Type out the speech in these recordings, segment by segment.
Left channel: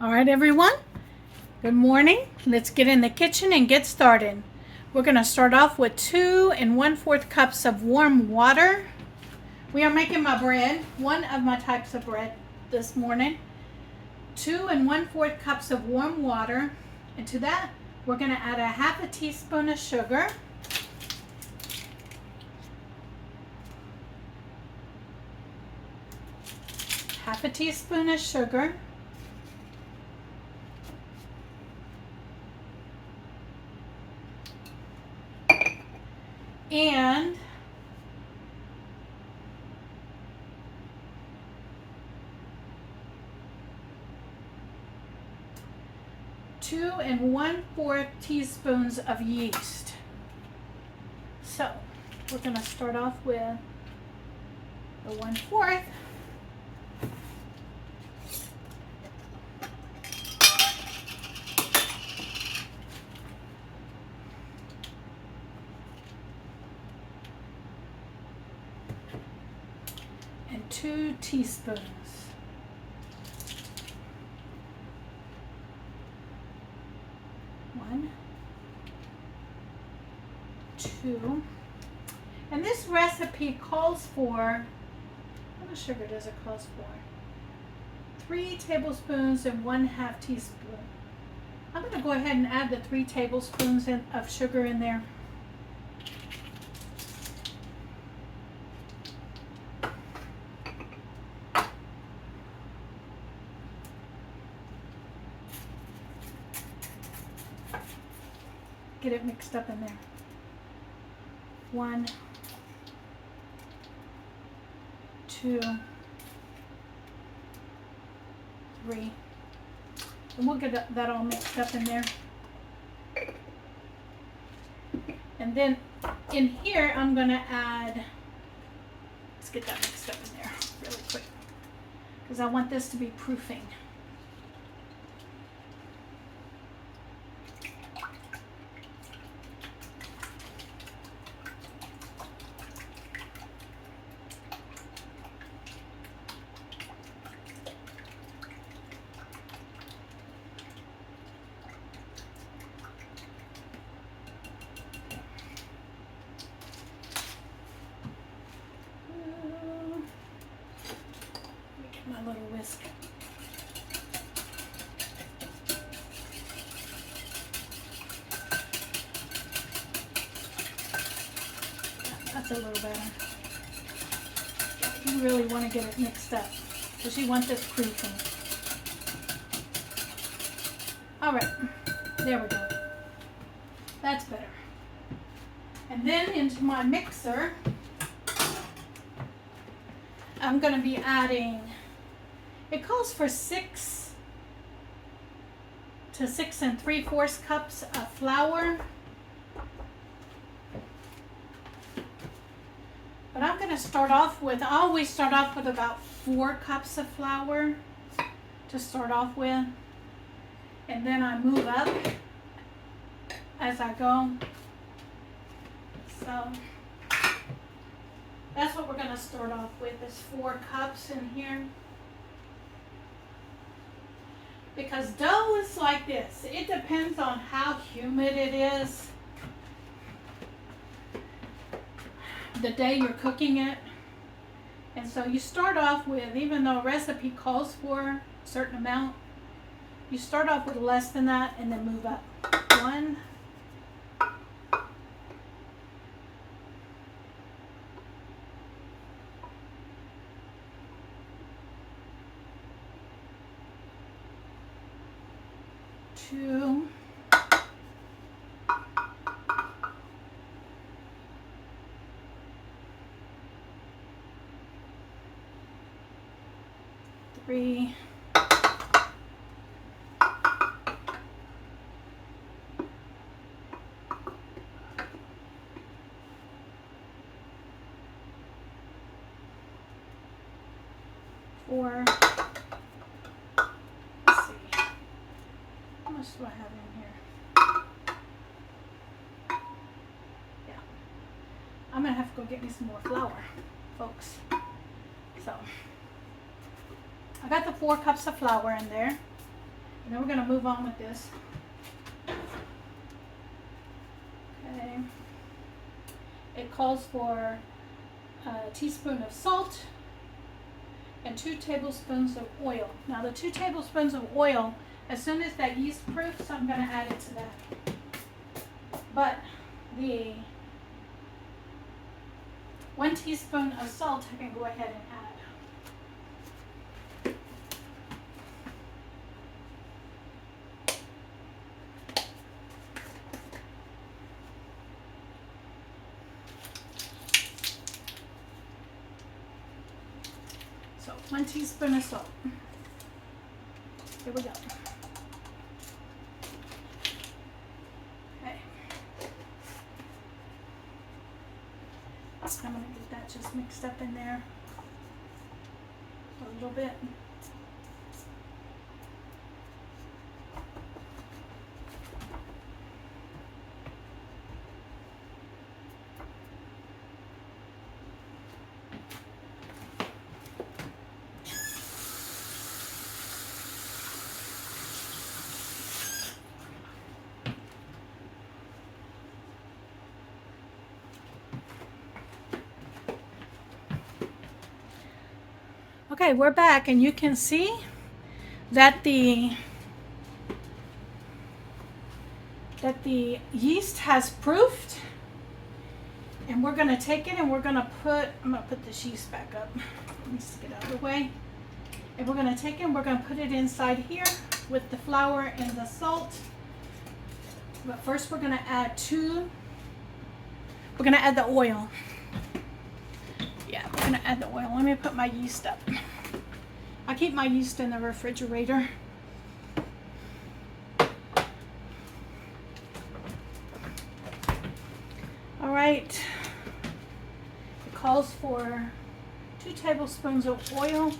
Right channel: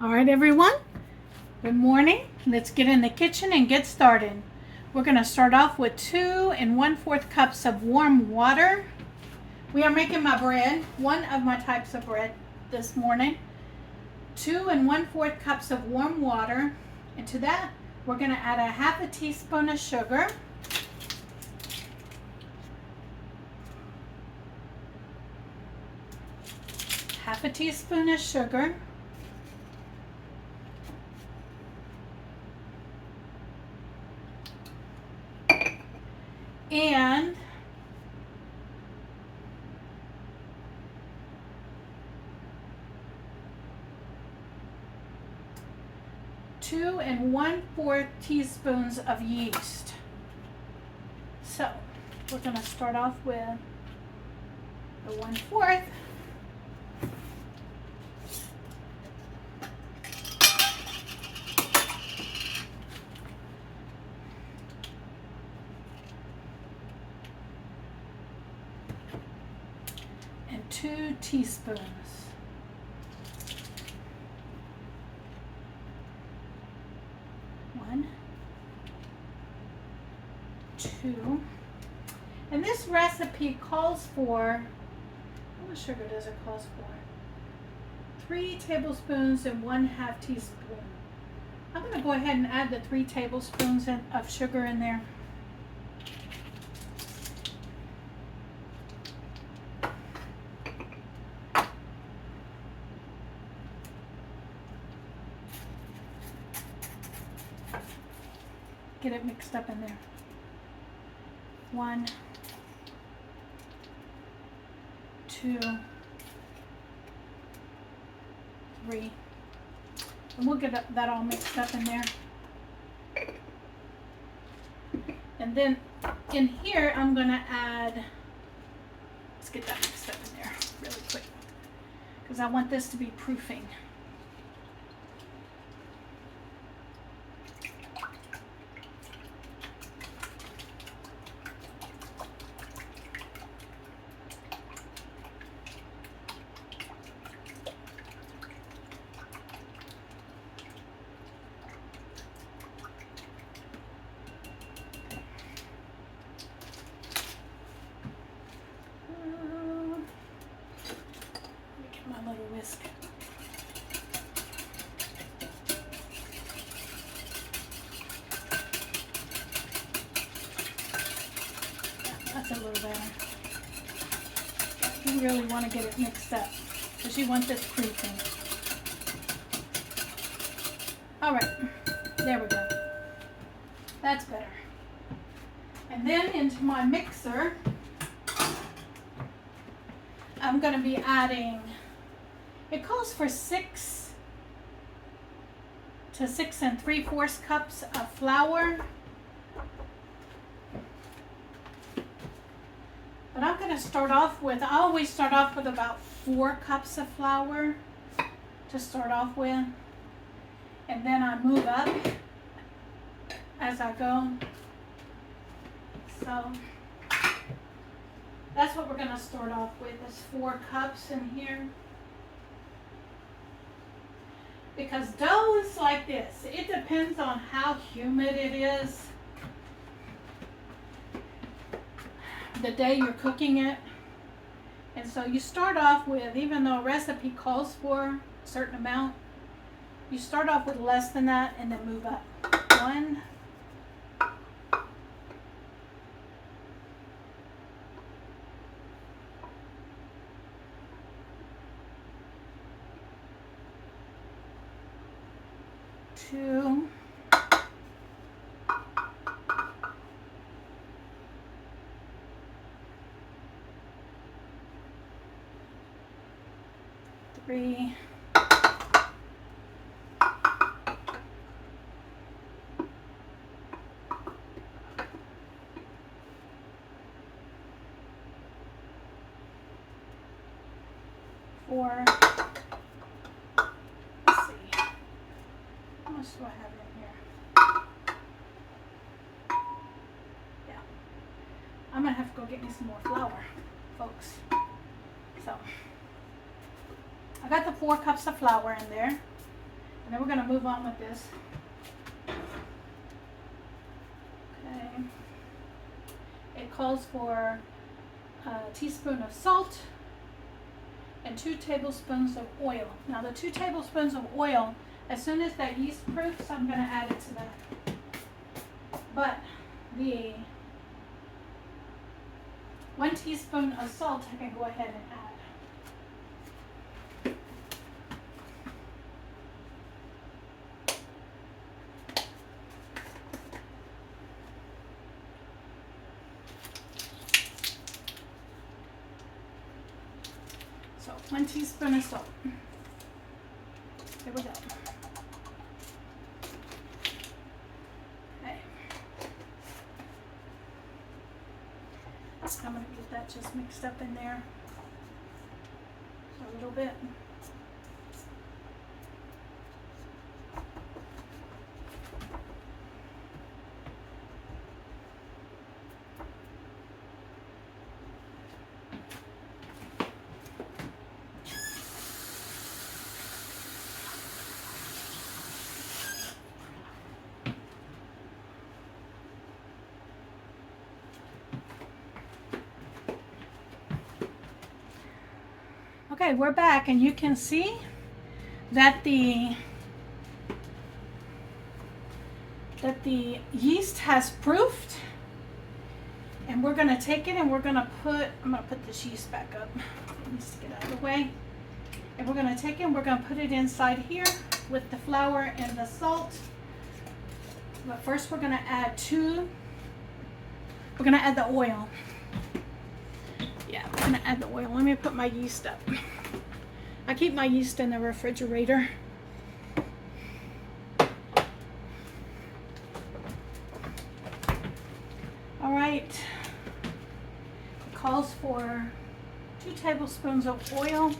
All right, everyone. Good morning. Let's get in the kitchen and get started. We're going to start off with 2 1/4 cups of warm water. We are making my bread, one of my types of bread this morning. 2 1/4 cups of warm water. And to that, we're going to add a half a teaspoon of sugar. Half a teaspoon of sugar. And 2 1/4 teaspoons of yeast. So we're going to start off with the 1/4. And 2 teaspoons. One, 2. And this recipe calls for, what much sugar does it call for? 3 tablespoons and 1/2 teaspoon. I'm going to go ahead and add the 3 tablespoons of sugar in there. Get it mixed up in there. 1, 2, 3. And we'll get that all mixed up in there. And then in here, I'm going to add, let's get that mixed up in there really quick, because I want this to be proofing. My little whisk. That's a little better. You really want to get it mixed up because you want this proofing. All right, there we go. That's better. And then into my mixer, I'm going to be adding, it calls for 6 to 6 3/4 cups of flour. But I'm going to start off with, I always start off with about 4 cups of flour to start off with. And then I move up as I go. So that's what we're going to start off with, is 4 cups in here. Because dough is like this. It depends on how humid it is the day you're cooking it. And so you start off with, even though a recipe calls for a certain amount, you start off with less than that and then move up. 1, 2, 3, 4. Let's see. How much do I have in here? Yeah. I'm going to have to go get me some more flour, folks. So, I got the 4 cups of flour in there. And then we're going to move on with this. Okay. It calls for a teaspoon of salt and 2 tablespoons of oil. Now the 2 tablespoons of oil, as soon as that yeast proofs, I'm going to add it to that. But the 1 teaspoon of salt I can go ahead and add. So 1 teaspoon of salt. Here we go. Okay. I'm going to get that just mixed up in there a little bit. Okay, we're back, and you can see that the yeast has proofed, and we're going to take it and we're going to put, I'm going to put this yeast back up. It needs to get out of the way. And we're going to take it and we're going to put it inside here with the flour and the salt. But first we're going to add we're going to add the oil. Yeah, I'm going to add the oil. Let me put my yeast up. I keep my yeast in the refrigerator. All right. It calls for 2 tablespoons of oil.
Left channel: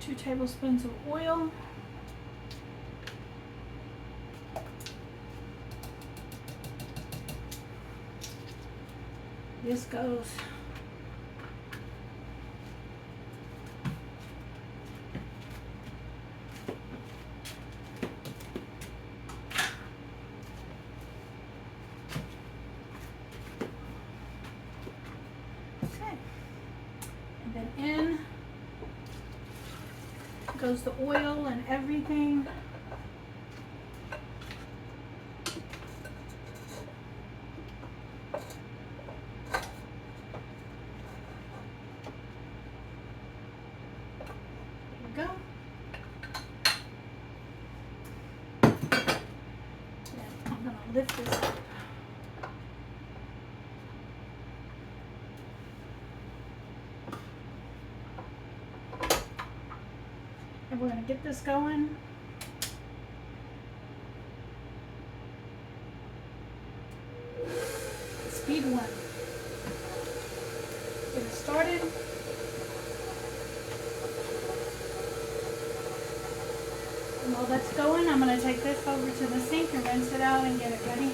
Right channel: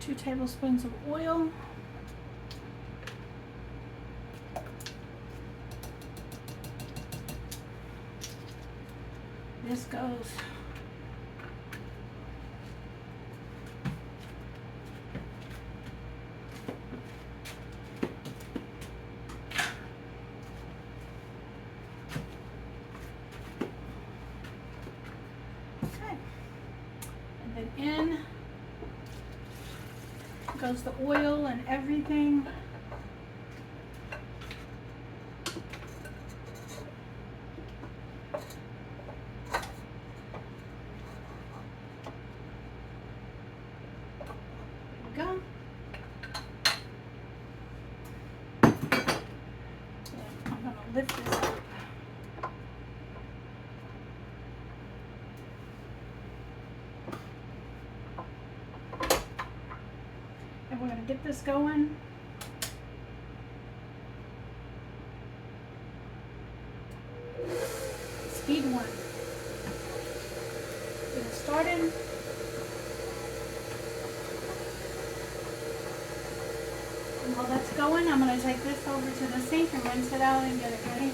Two tablespoons of oil. This goes okay, and then in goes the oil and everything. There we go. Yeah, I'm gonna lift this up. And we're going to get this going. Speed 1. Get it started. And while that's going, I'm going to take this over to the sink and rinse it out and get it ready.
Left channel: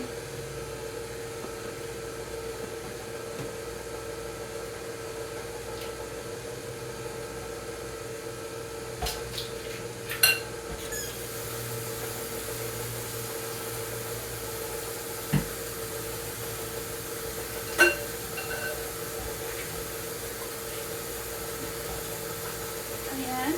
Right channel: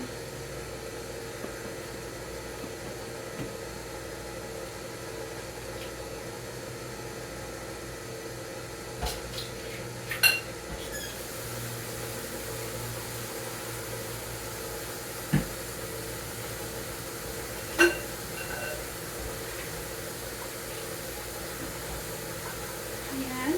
And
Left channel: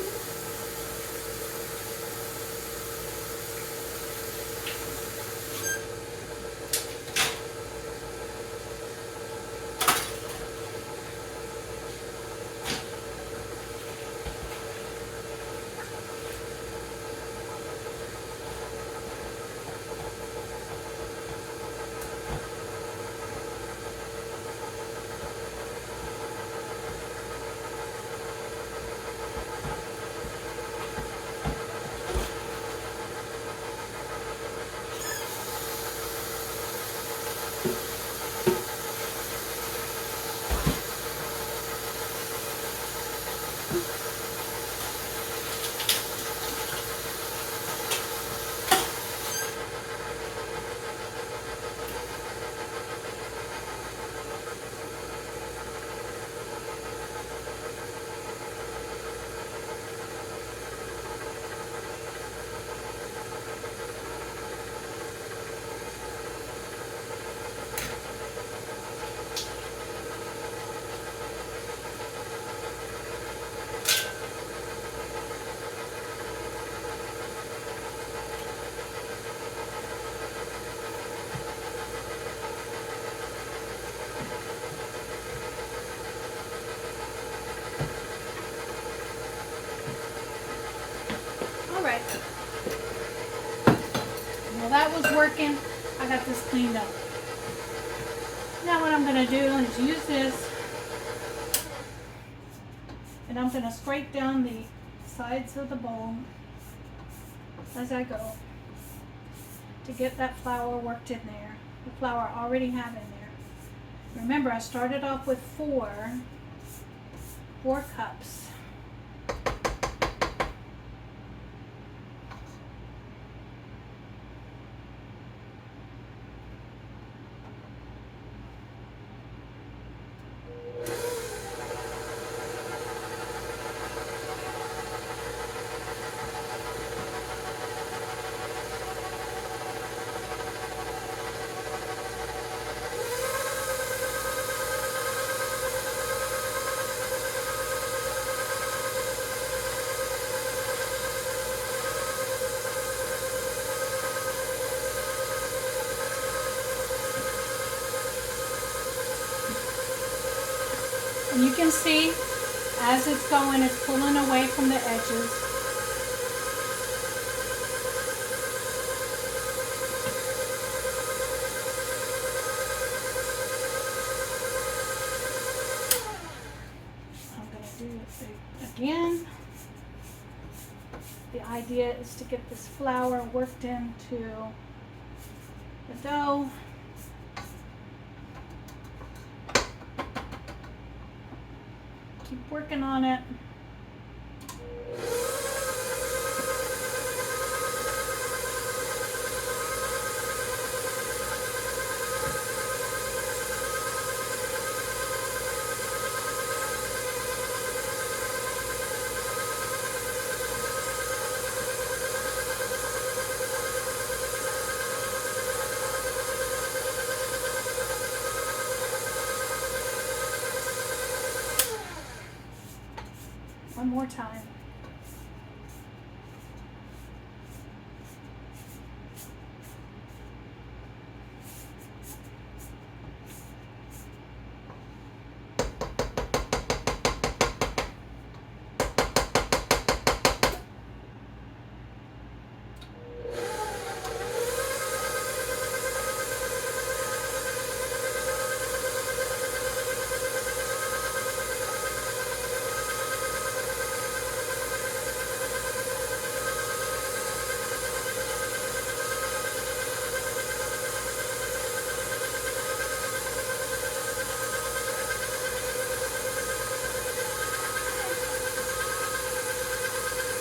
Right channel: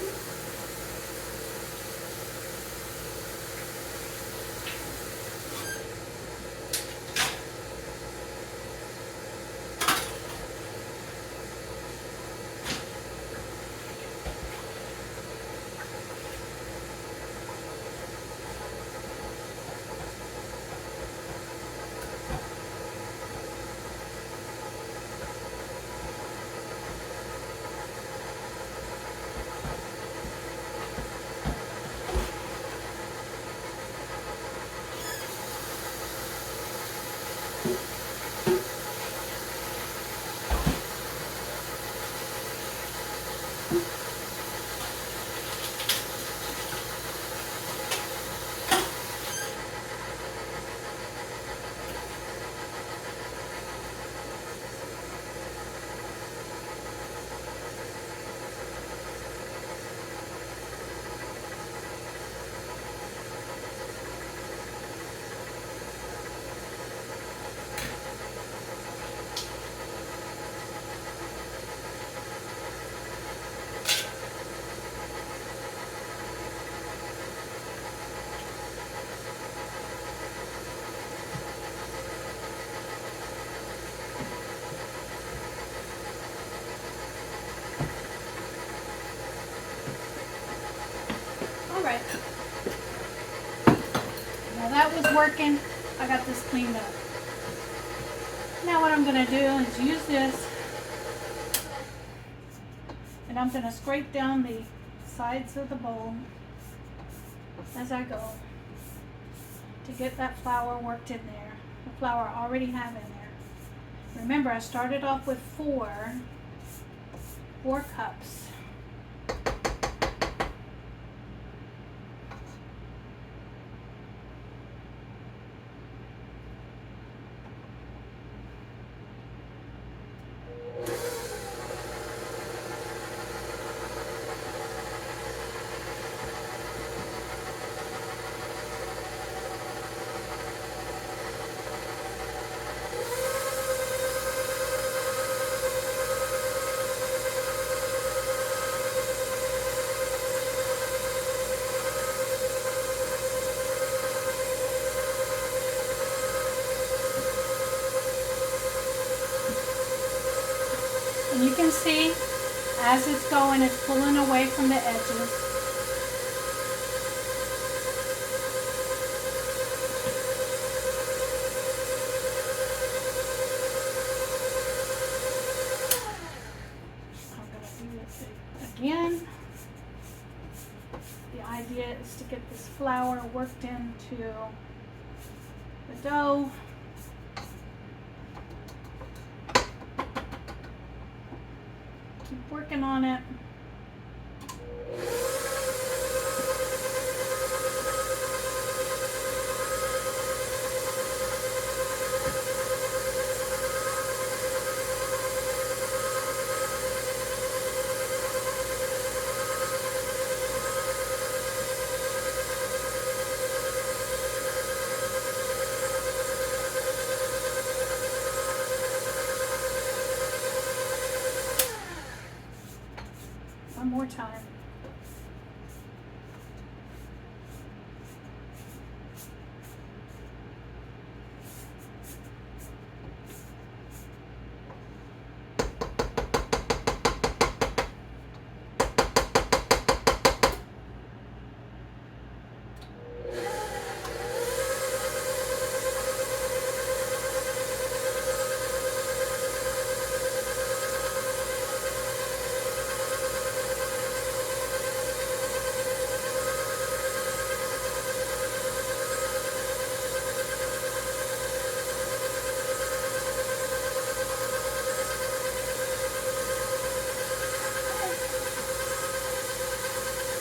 Alright. Well, that was working. I got this cleaned up. Now what I'm going to do is use this, and I'm going to scrape down the sides of the bowl as I go to get that flour worked in there. The flour I already have in there. Remember, I started off with four cups. And you can see as it's going, it's pulling away from the edges. I'm going to do it again. The idea is to get this flour worked into the dough. Keep working on it. One more time.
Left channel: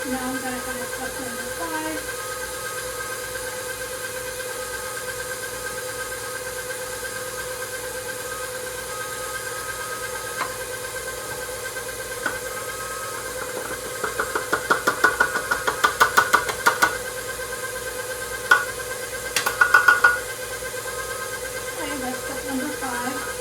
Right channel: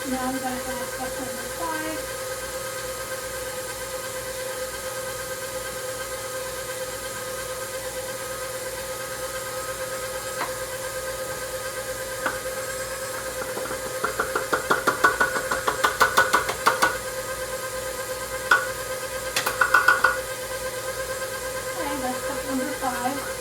Now I'm going to have cup number 5. Okay, that's cup number 5.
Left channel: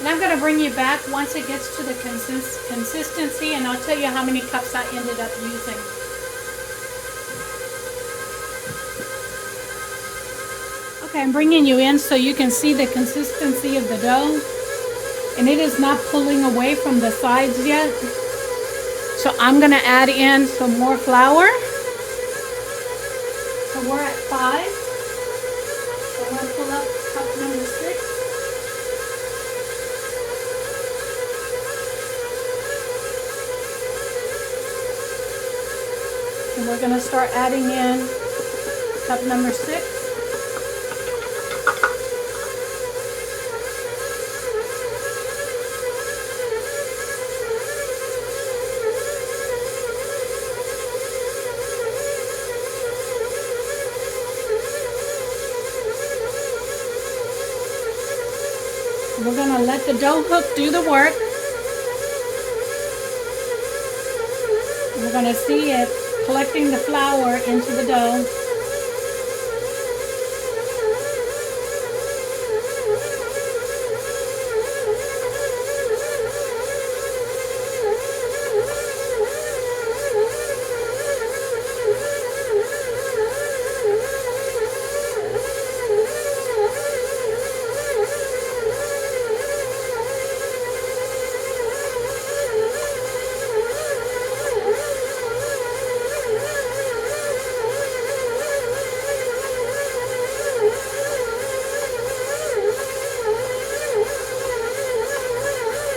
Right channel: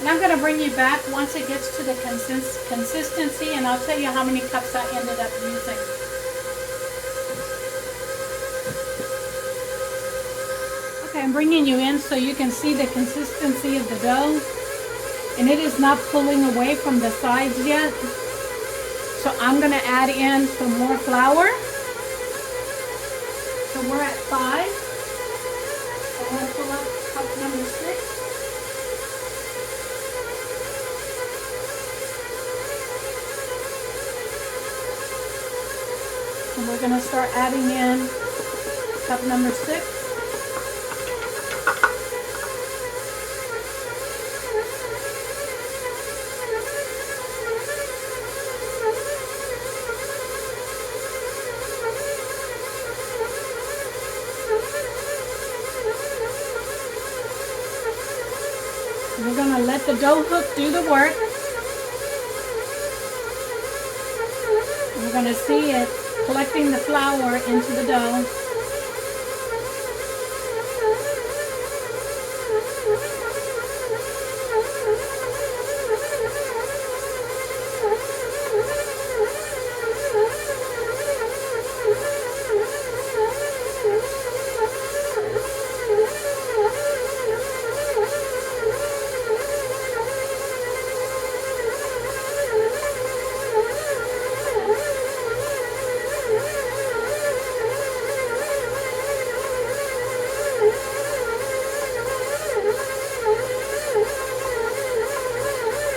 And I'm going to bring you back once it gets to the consistency, and I'll tell you how many cups I ended up using. Okay, I'm bringing you in so you can see the consistency of the dough. And it is not pulling away from the sides yet. So I'm going to add in some more flour. So we're at 5. So I'm going to pull up cup number 6. And we're going to start adding in cup number 6. We're going to let the dough hook do the work. We're going to see it collecting the flour into the dough.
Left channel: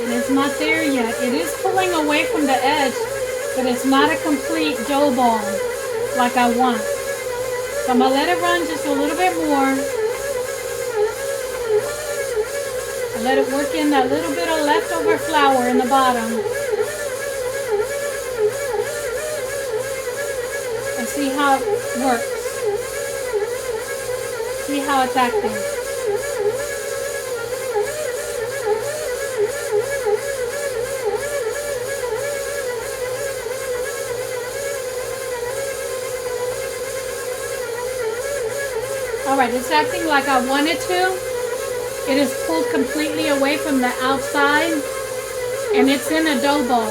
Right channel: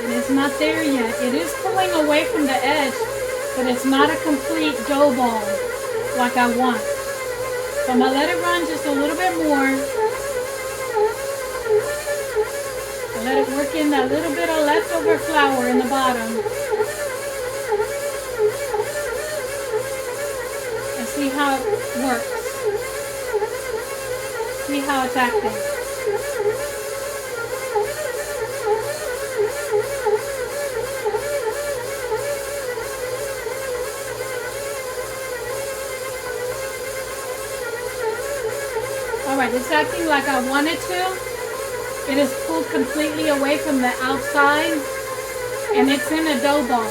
It's not there yet. It is pulling away from the edge, but it's not a complete dough ball like I want. So I'm going to let it run just a little bit more. And let it work in that little bit of leftover flour in the bottom. And see how it works. See how it's acting. Alright, it's acting like I want it to. It is pulled completely away from the outside and it's in a dough ball.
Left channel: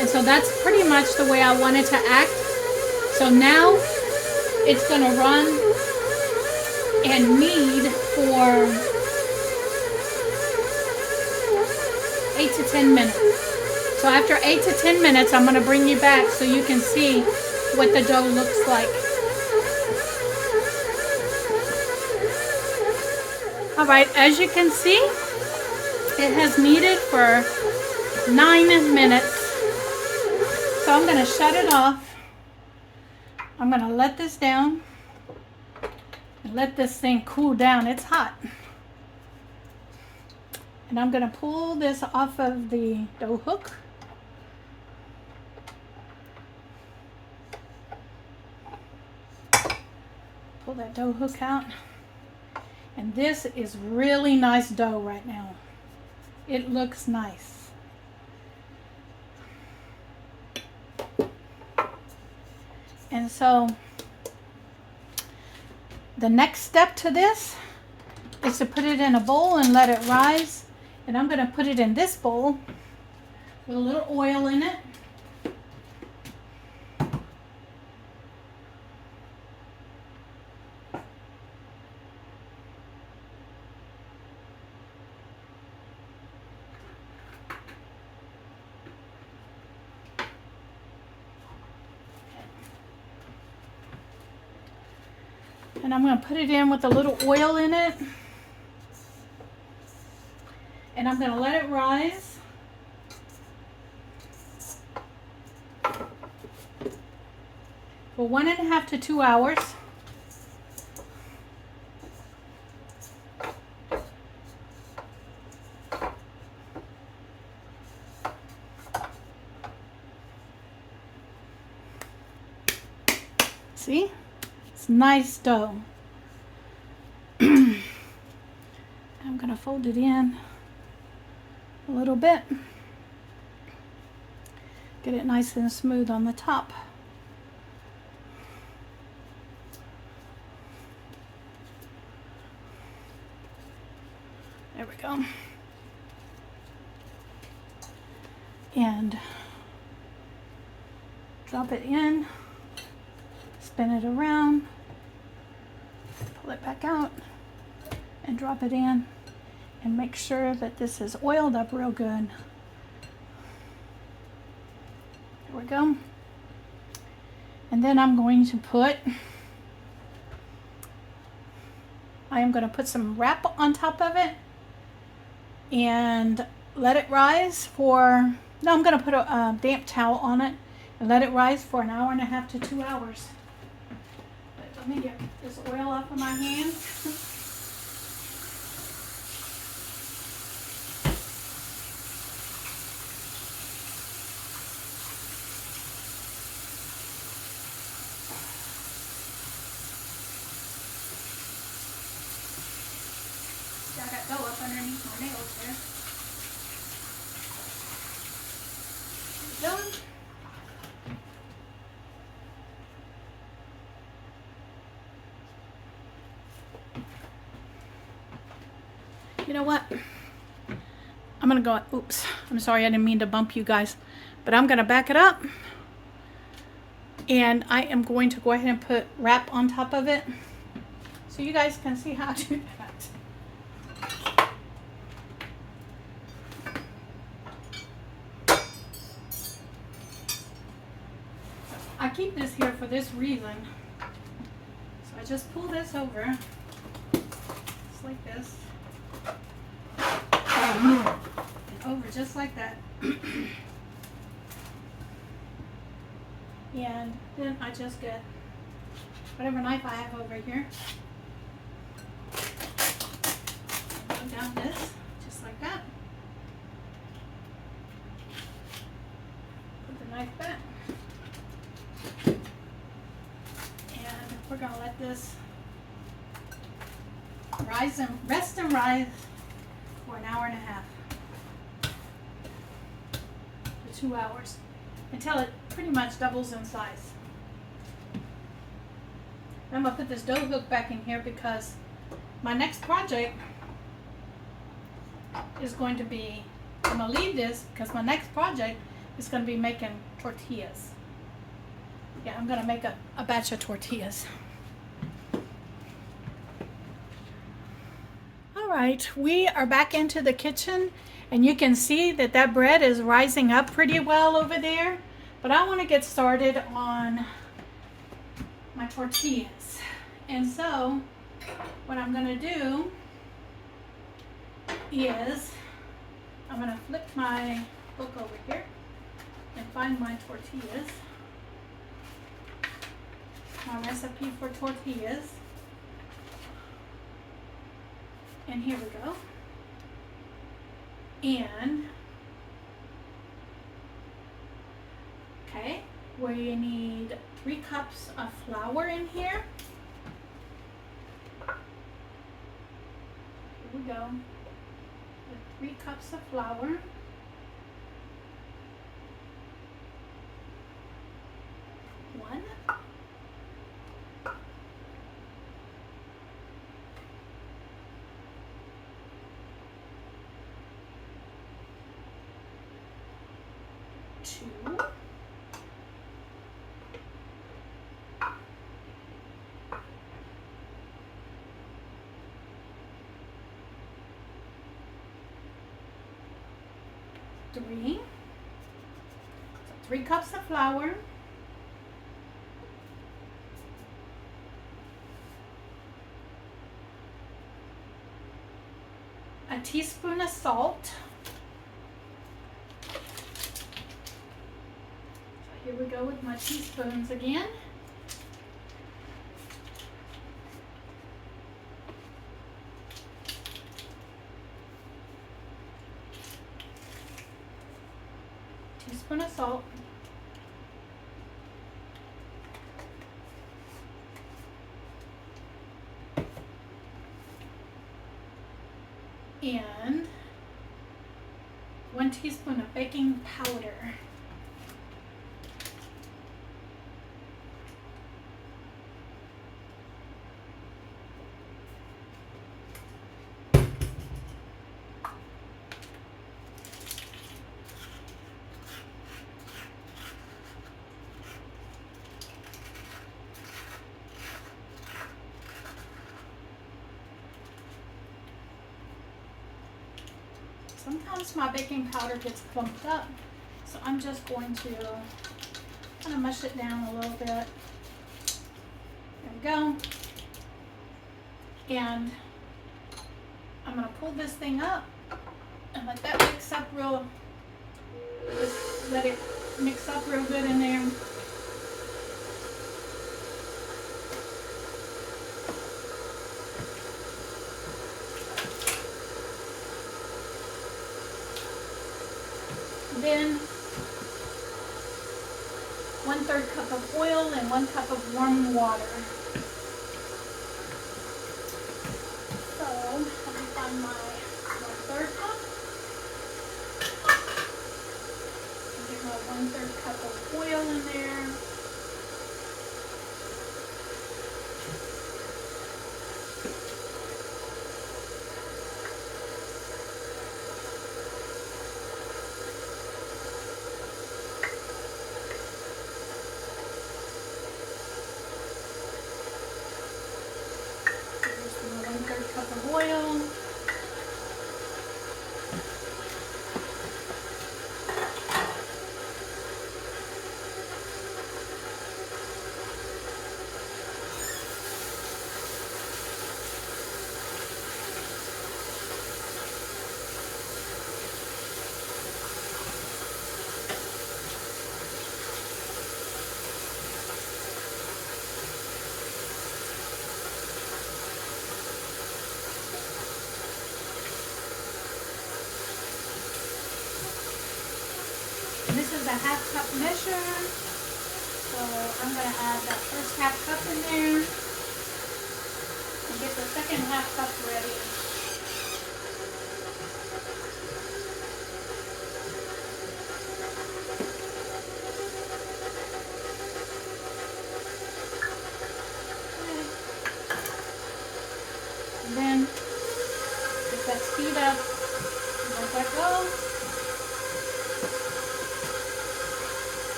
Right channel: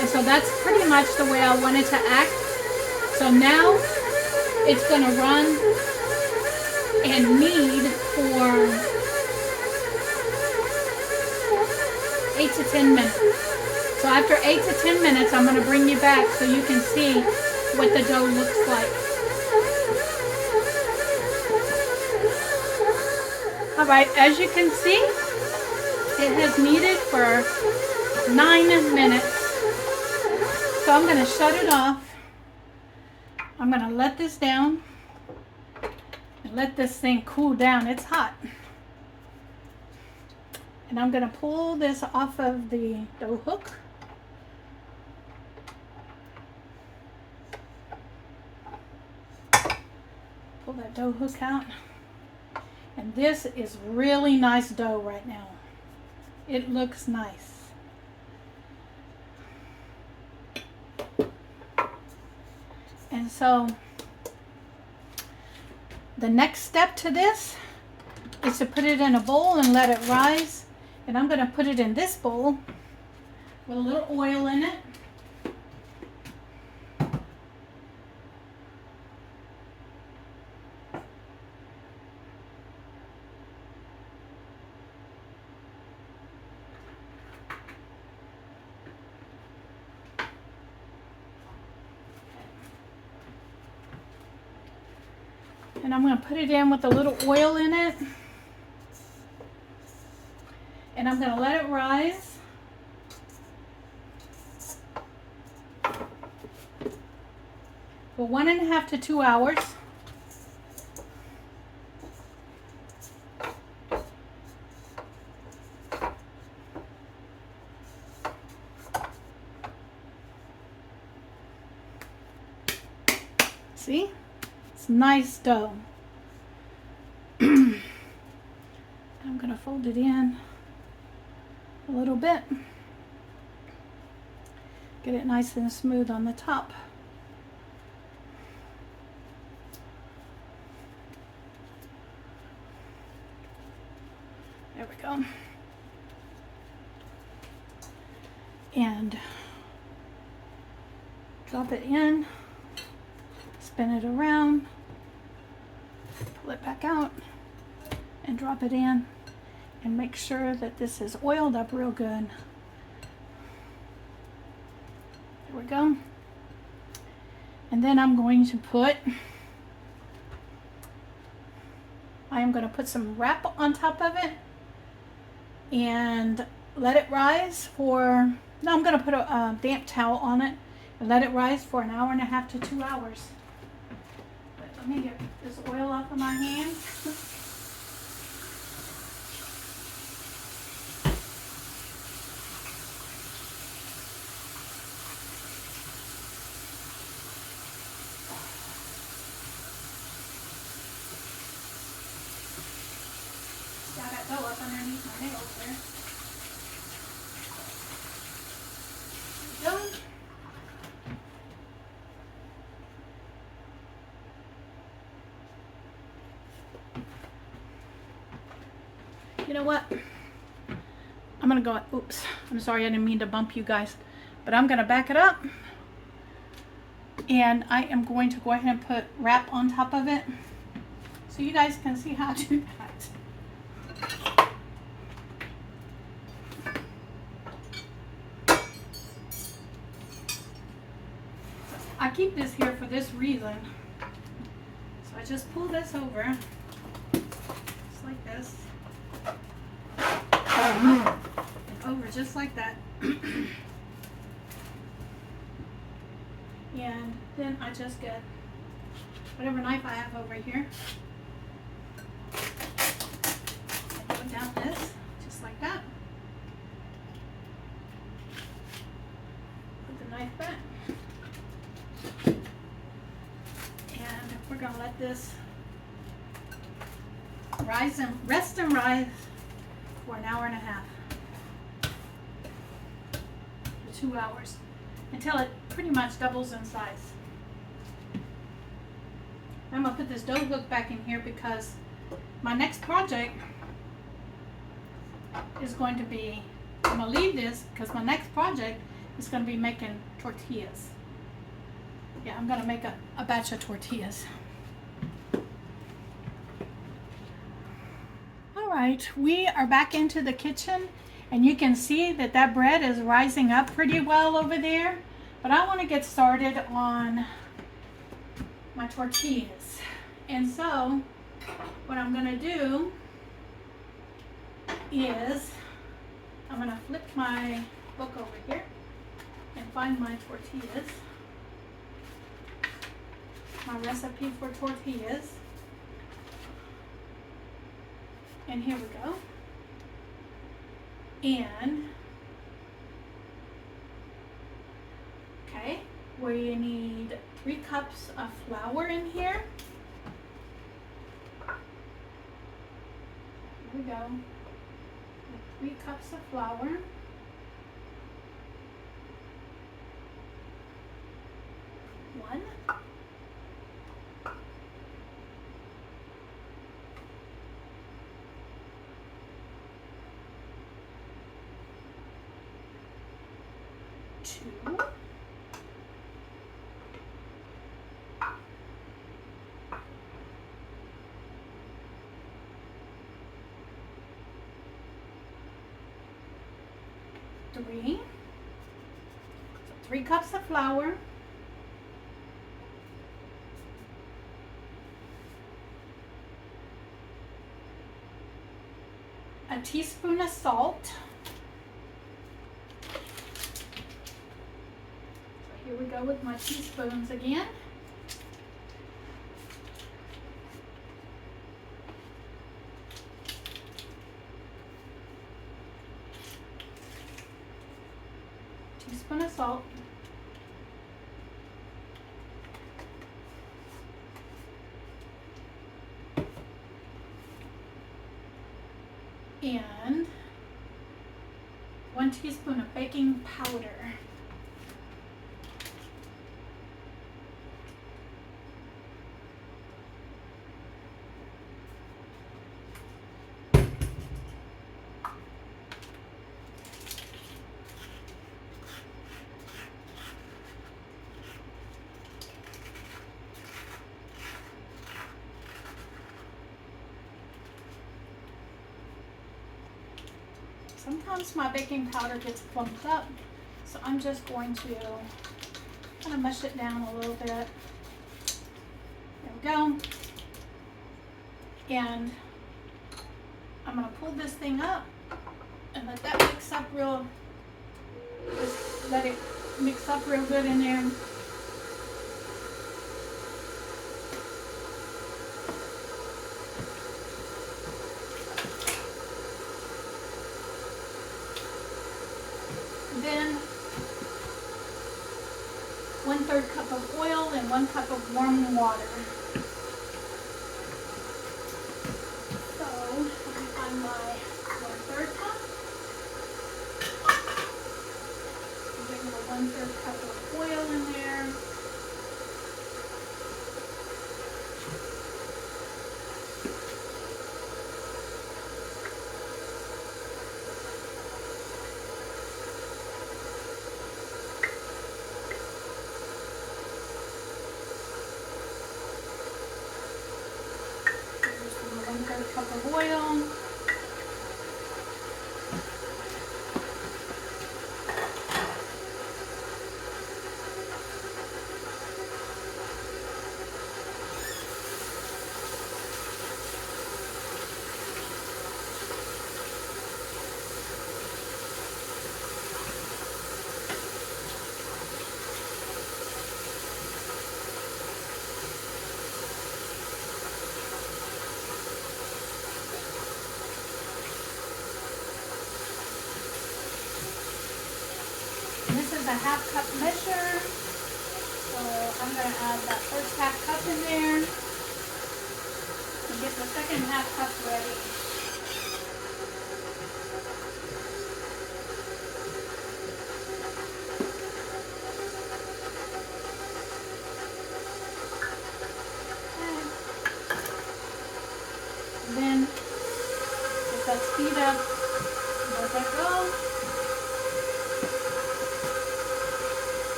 And so that's pretty much the way I want it to act. So now it's going to run and knead for 8 to 10 minutes. So after 8 to 10 minutes, I'm going to bring you back so you can see what the dough looks like. Alright, as you can see, it has kneaded for 9 minutes. So I'm going to shut it off. I'm going to let this down and let this thing cool down. It's hot. And I'm going to pull this off of the dough hook. Pull that dough hook out. And this is really nice dough right now. It looks nice. And so the next step to this is to put it in a bowl and let it rise. And I'm going to put it in this bowl with a little oil in it. And I'm going to put it in with a little oil in it. And I'm going to let it rise. For 1.5 to 2 hours. See? It's nice dough. I'm going to fold it in a little bit. Get it nice and smooth on the top. There we go. And drop it in, spin it around, pull it back out, and drop it in. And make sure that this is oiled up real good. There we go. And then I'm going to put some wrap on top of it and let it rise for, no, I'm going to put a damp towel on it and let it rise for an hour and a half to 2 hours. But let me get this oil off of my hands. Got that dough up underneath my nails there. Done. You know what? I'm gonna go, oops, I'm sorry, I didn't mean to bump you guys, but I'm gonna back it up, and I am going to go ahead and put wrap on top of it so you guys can see how to do that. I keep this here for this reason. So I just pull this over, just like this, and over just like that. And then I just get whatever knife I have over here, and go down this, just like that. Put the knife back. And we're going to let this rise and rest and rise for an hour and a half to 2 hours until it pretty much doubles in size. I'm going to put this dough hook back in here because my next project is going to be, I'm going to leave this because my next project is going to be making tortillas. Yeah, I'm going to make a batch of tortillas. All right, we are back into the kitchen, and you can see that that bread is rising up pretty well over there. But I want to get started on my tortillas. And so what I'm going to do is I'm going to flip my book over here and find my tortillas. My recipe for tortillas. And here we go. And okay, we need 3 cups of flour in here. Here we go. 3 cups of flour. 1. 2. 3. So 3 cups of flour. 1 teaspoon of salt. Here we go with my teaspoons again. Teaspoon of salt. And 1 teaspoon of baking powder. Sometimes my baking powder gets clumped up, so I'm just going to kind of mush it down a little bit. There we go. And I'm going to pull this thing up and let that mix up real, just let it mix up real good in there. Then 1/3 cup of oil and 1 cup of warm water. So let me find my 1/3 cup. Give me a 1/3 cup of oil in there. Cup of oil. This is a 1/2 cup measure, so I'm going to add that first 1/2 cup in there and get the second 1/2 cup ready. Okay. And then let that speed up, let that go.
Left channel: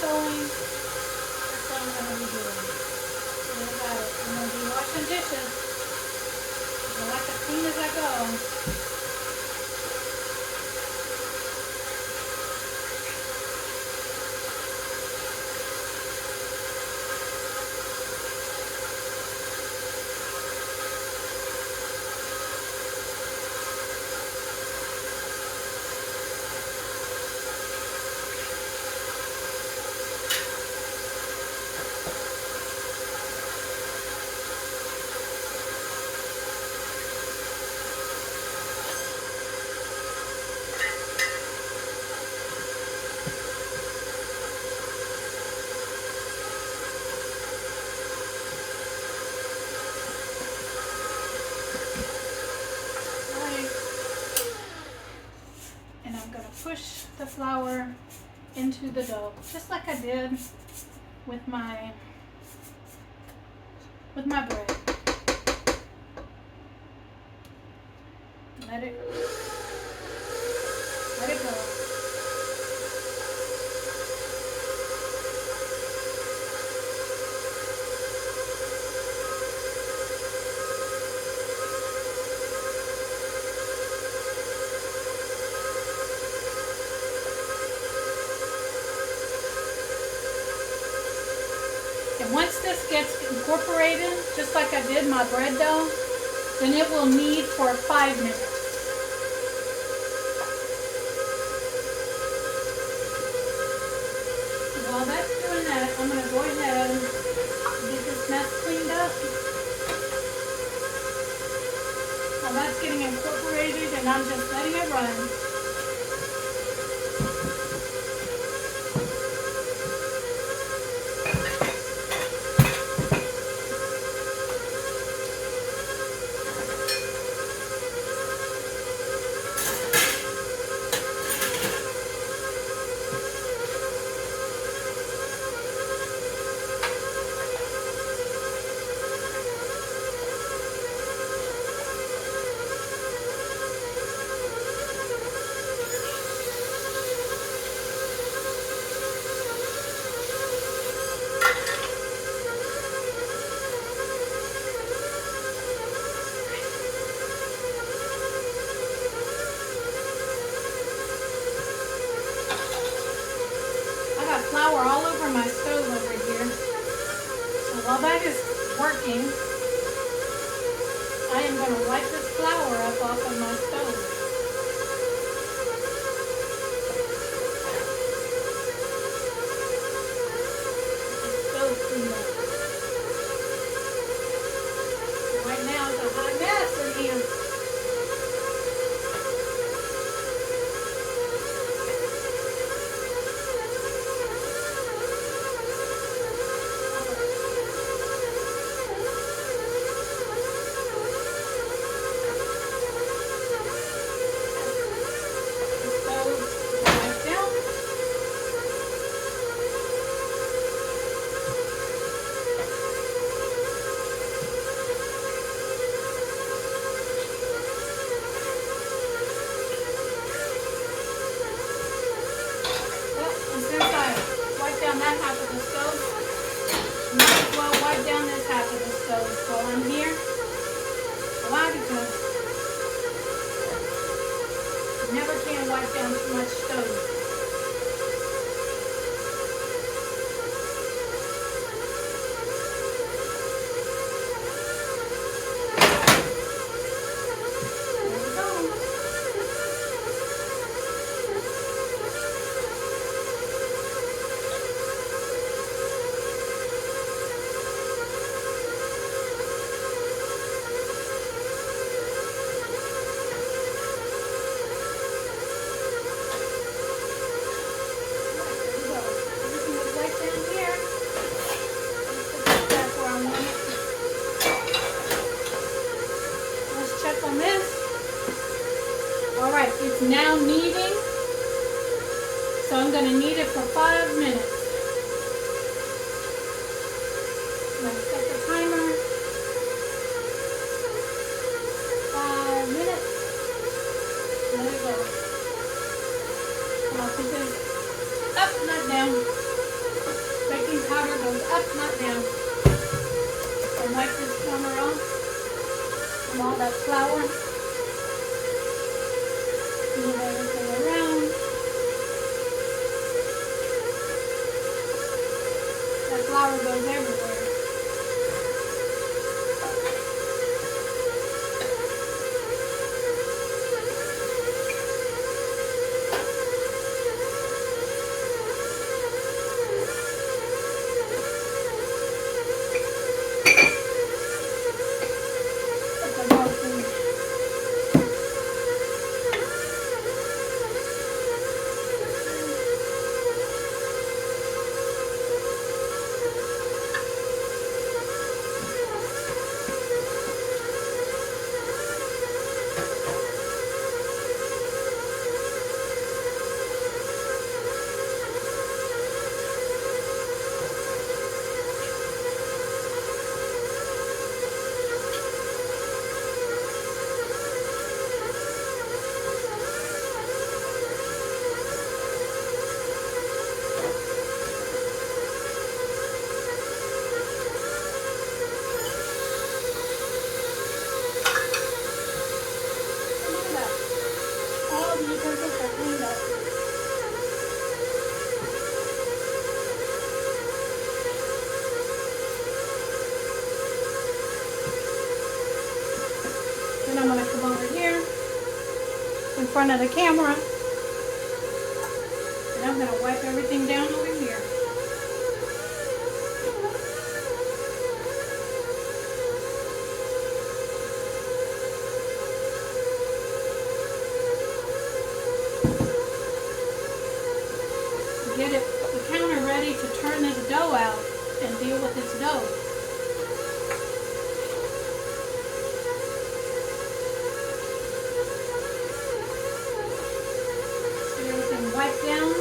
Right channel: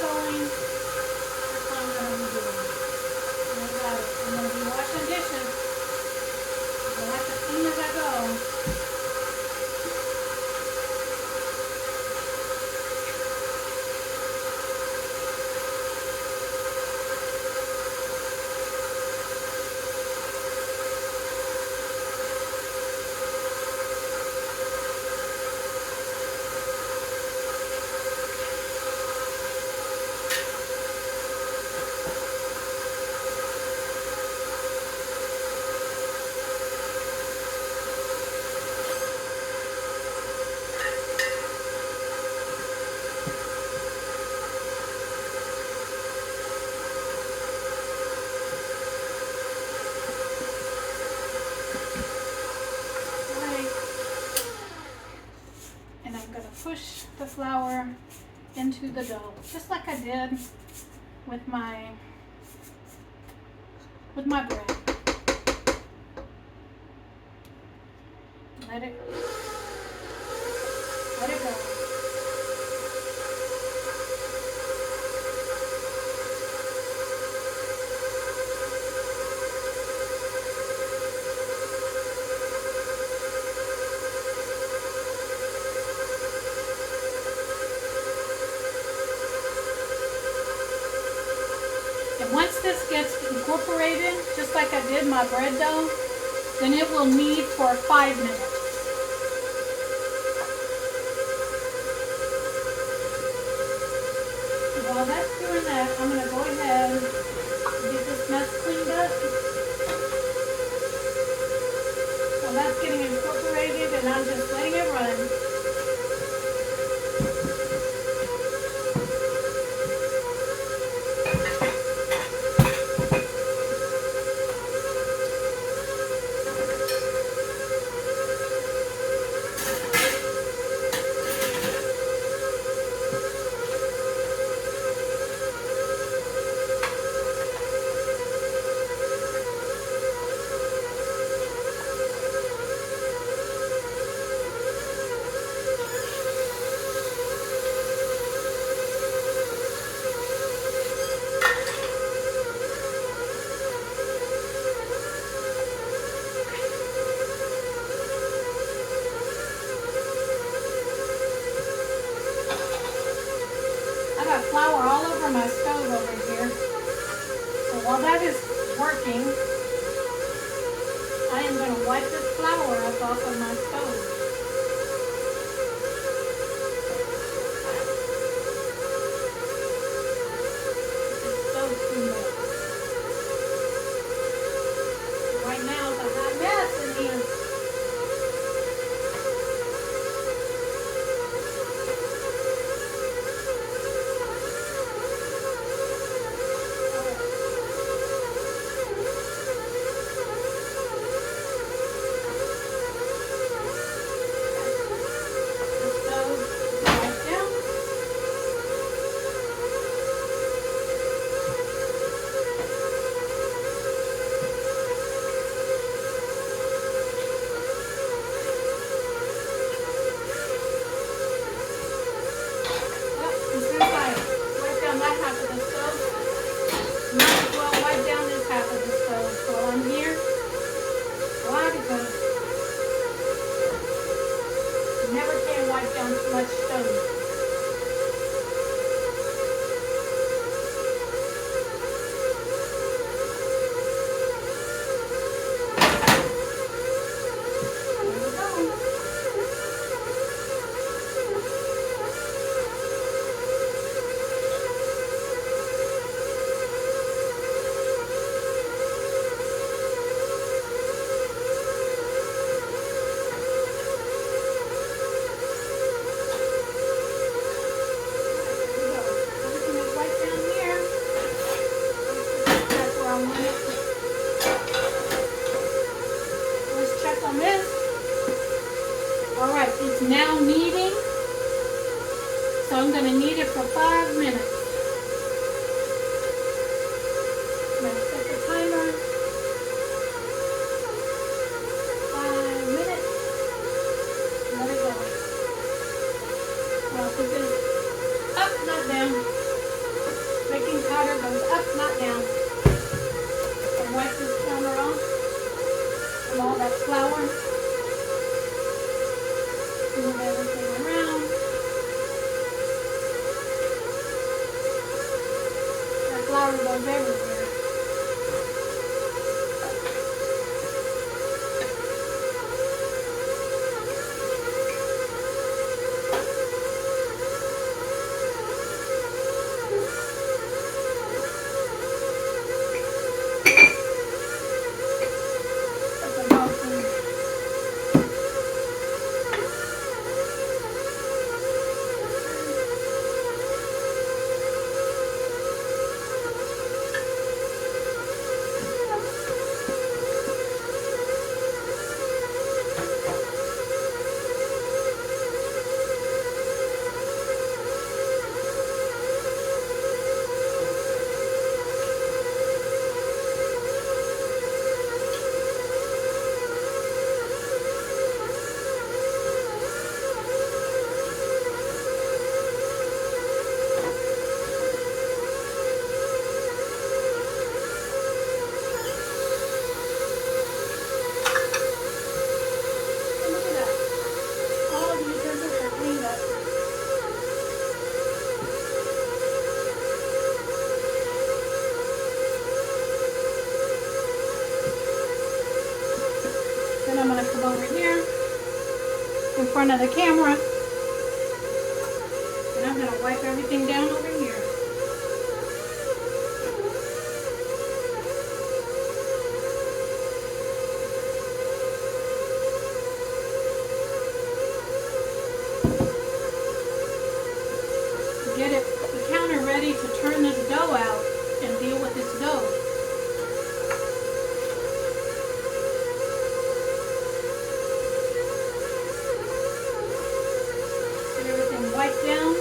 Going. That's what I'm going to be doing. And I got it. I'm going to be washing dishes. I like to clean as I go. Push the flour into the dough, just like I did with my bread. Let it go. And once this gets incorporated, just like I did my bread dough, then it will knead for 5 minutes. So while that's doing that, I'm going to go ahead and get this mess cleaned up. While that's getting incorporated and I'm just letting it run. Flour all over my stove over here. So while that is working, I am going to wipe this flour up off of my stove. Move everything around. That flour goes everywhere. In front of the camera, and I'm going to wipe everything down over here. Get the counter ready to turn this dough out and deal with this dough. Wipe down. You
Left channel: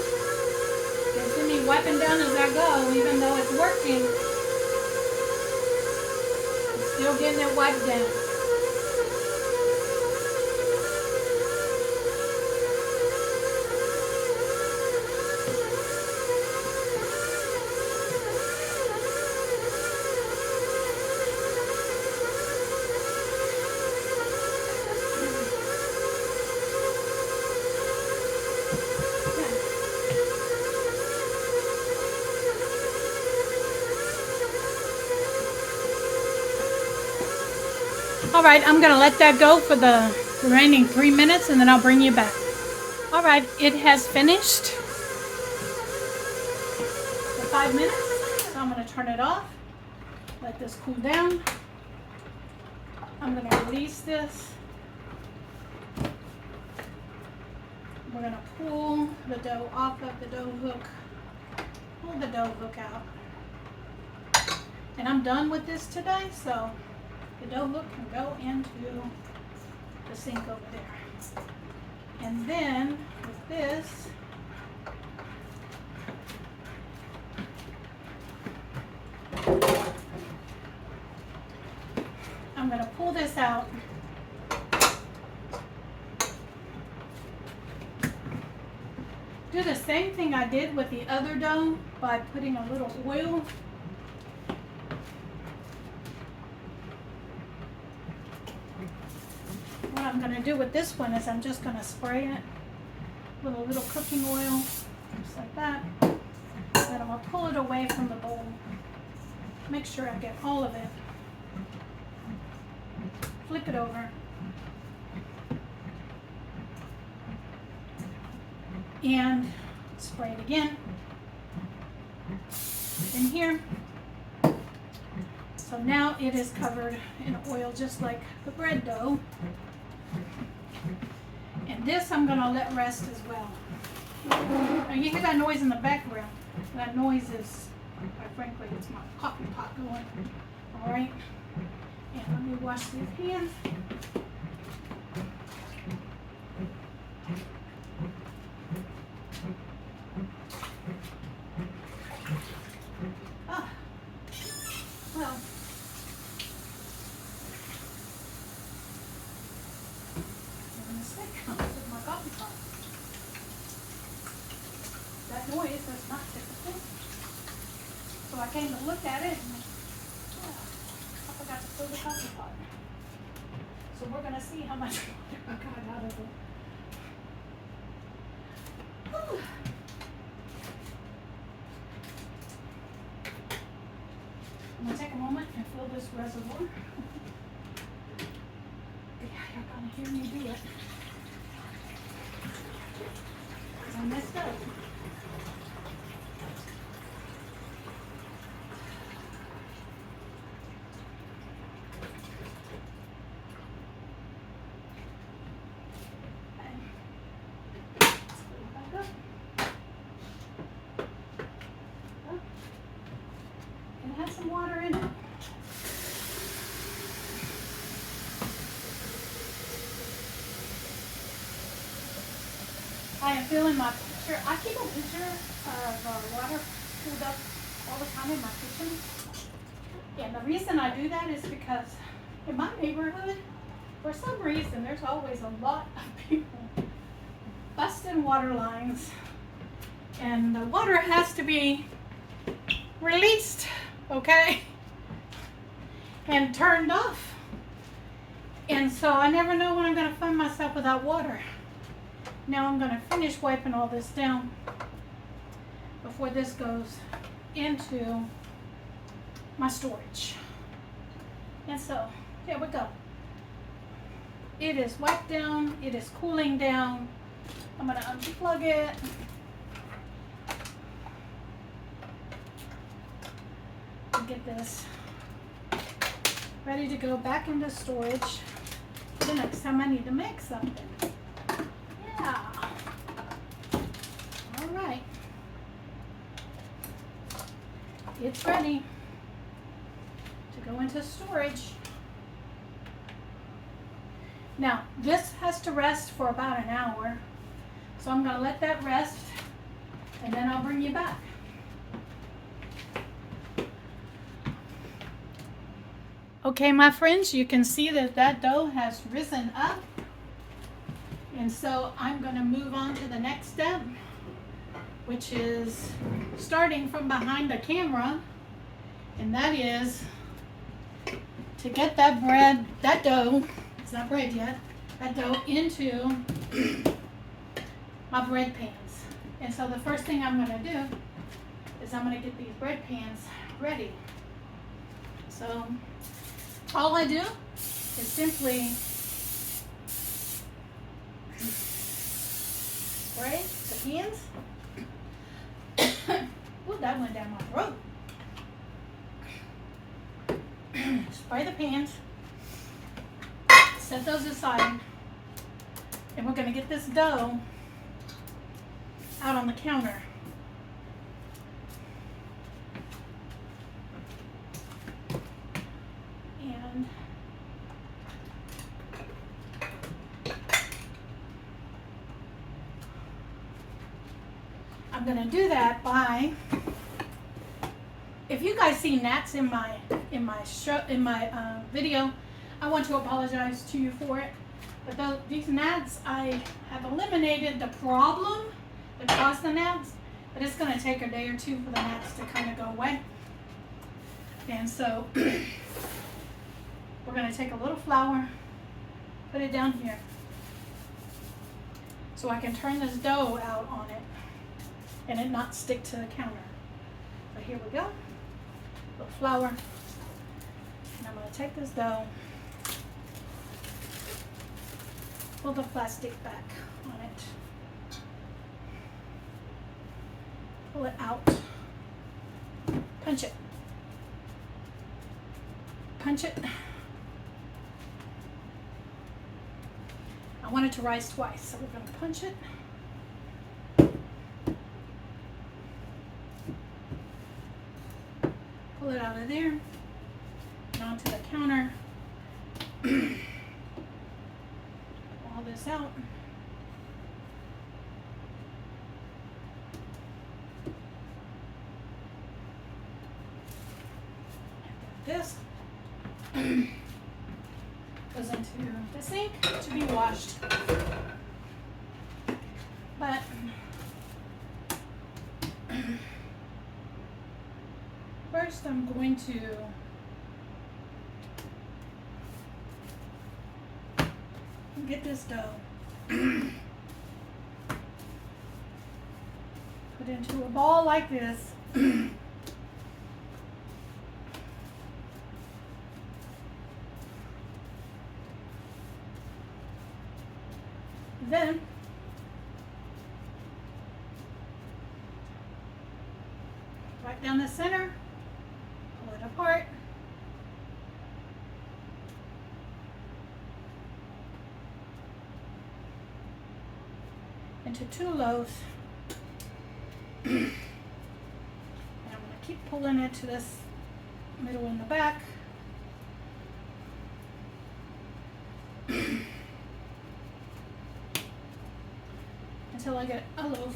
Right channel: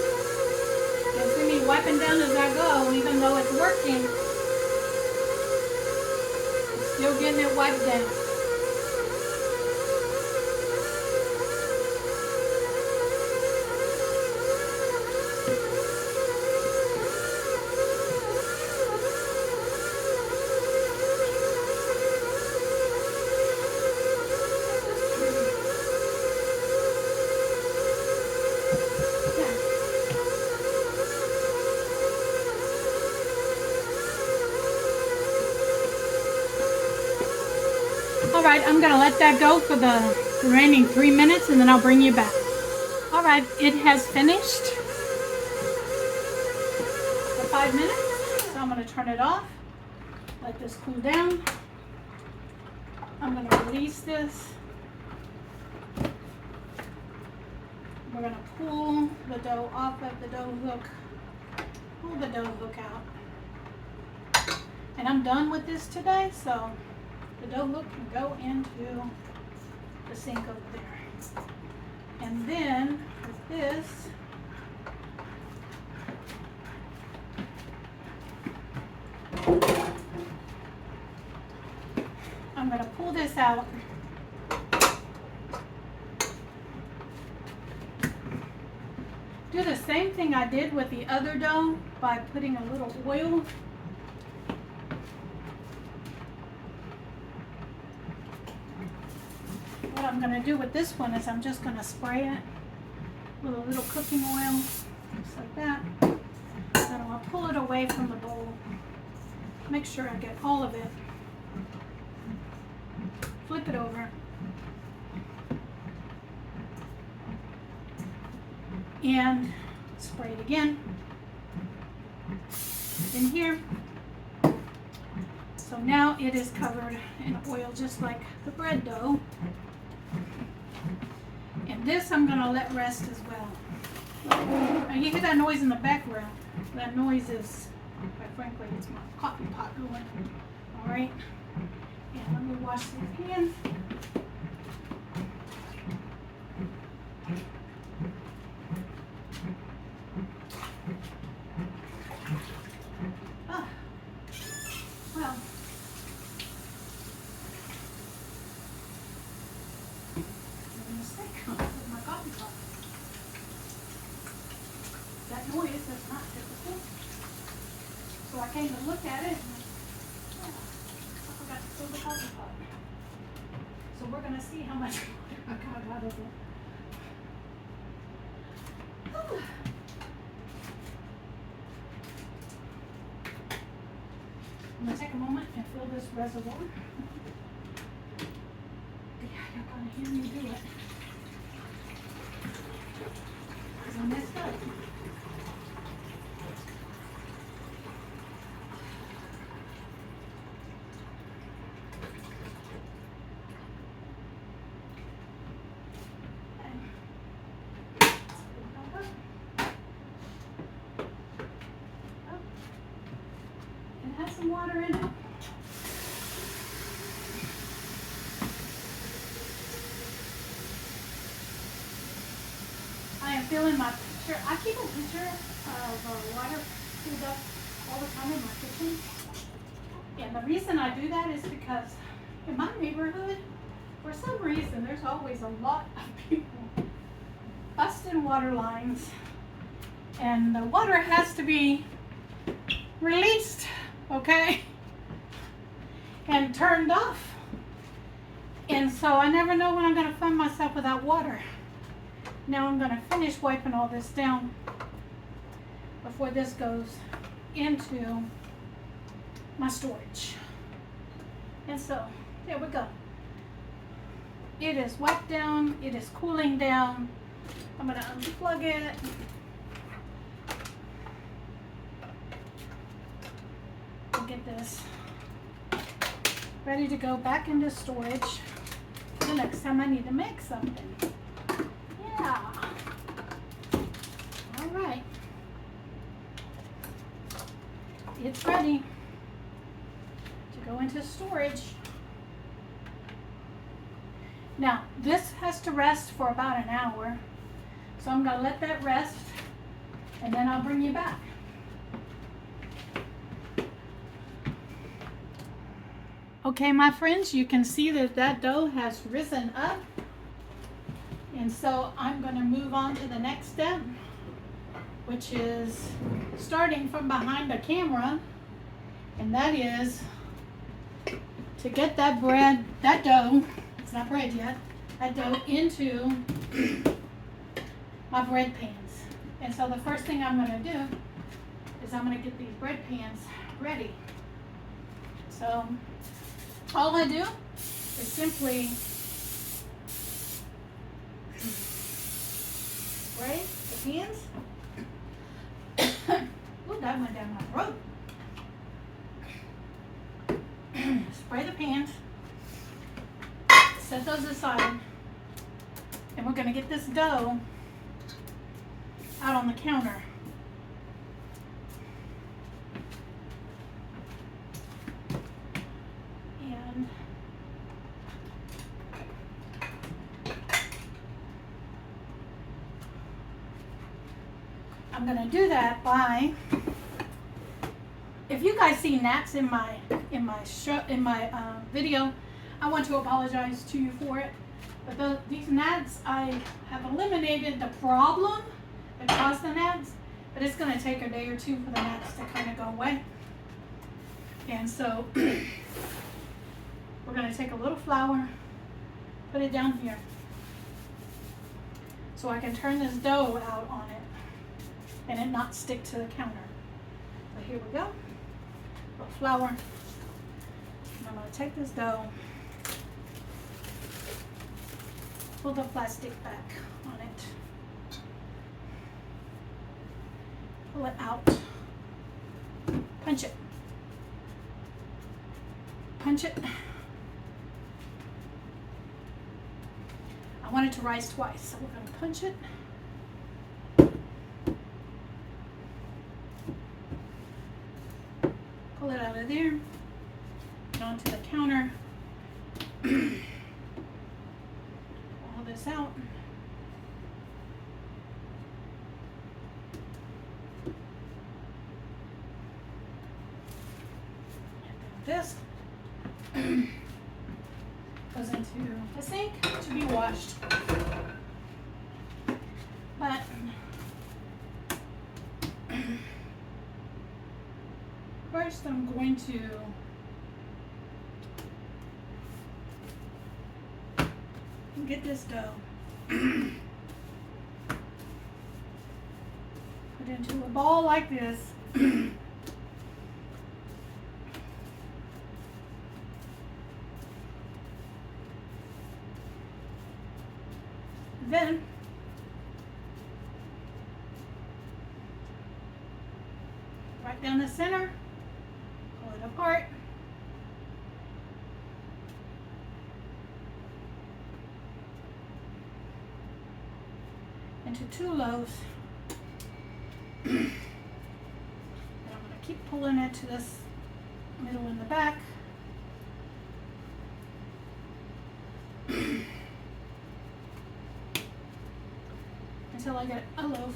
can see me wiping down as I go, even though it's working. I'm still getting it wiped down. Alright, I'm going to let that go for the remaining 3 minutes and then I'll bring you back. Alright, it has finished for 5 minutes, so I'm going to turn it off, let this cool down. I'm going to release this. We're going to pull the dough off of the dough hook, pull the dough hook out. And I'm done with this today, so the dough hook can go into the sink over there. And then with this, I'm going to pull this out. Do the same thing I did with the other dough by putting a little oil. What I'm going to do with this one is I'm just going to spray it with a little cooking oil, just like that. Then I'm going to pull it away from the bowl. Make sure I get all of it. Flip it over. And spray it again in here. So now it is covered in oil just like the bread dough. And this I'm going to let rest as well. Now you hear that noise in the background. That noise is, quite frankly, it's my coffee pot going. Alright. And let me wash these hands. Well, made a mistake with my coffee pot. That noise is not typical. So I came to look at it and I forgot to fill the coffee pot. So we're going to see how much I got out of it. I'm gonna take a moment and fill this reservoir. Yeah, y'all gotta hear me do it. 'Cause I messed up. It has some water in it. I am filling my pitcher. I keep a pitcher of water filled up all the time in my kitchen. And the reason I do that is because in my neighborhood, for some reason, there's always a lot of people busting water lines. And the water has to be released, okay, and turned off. And so I never know when I'm going to find myself without water. Now I'm going to finish wiping all this down before this goes into my storage. And so there we go. It is wiped down. It is cooling down. I'm going to unplug it. Get this ready to go back into storage the next time I need to make something. Yeah. All right. It's ready to go into storage. Now, this has to rest for about an hour. So I'm going to let that rest and then I'll bring you back. Okay, my friends, you can see that that dough has risen up. And so I'm going to move on to the next step, which is starting from behind the camera. And that is to get that bread, that dough, it's not bread yet, that dough into my bread pans. And so the first thing I'm going to do is I'm going to get these bread pans ready. So all I do is simply spray the pans. Oh, that went down my throat. Spray the pans. Set those aside. And we're going to get this dough out on the counter. I'm going to do that by, if you guys see gnats in my video, I want to apologize to you for it. But these gnats, I have eliminated the problem that caused the gnats, but it's going to take a day or two for the gnats to kind of go away. And so we're going to take a little flour, put it down here, so I can turn this dough out on it and it not stick to the counter. So here we go, a little flour, and I'm going to take this dough, pull the plastic back on it, pull it out, punch it, punch it. I want it to rise twice, so we're going to punch it. Pull it out of there and onto the counter. All this out. This goes into the sink to be washed. But first I'm going to get this dough it into a ball like this. Then right down the center, pull it apart. Into 2 loaves. And I'm going to keep pulling it to this middle in the back. Until I get a loaf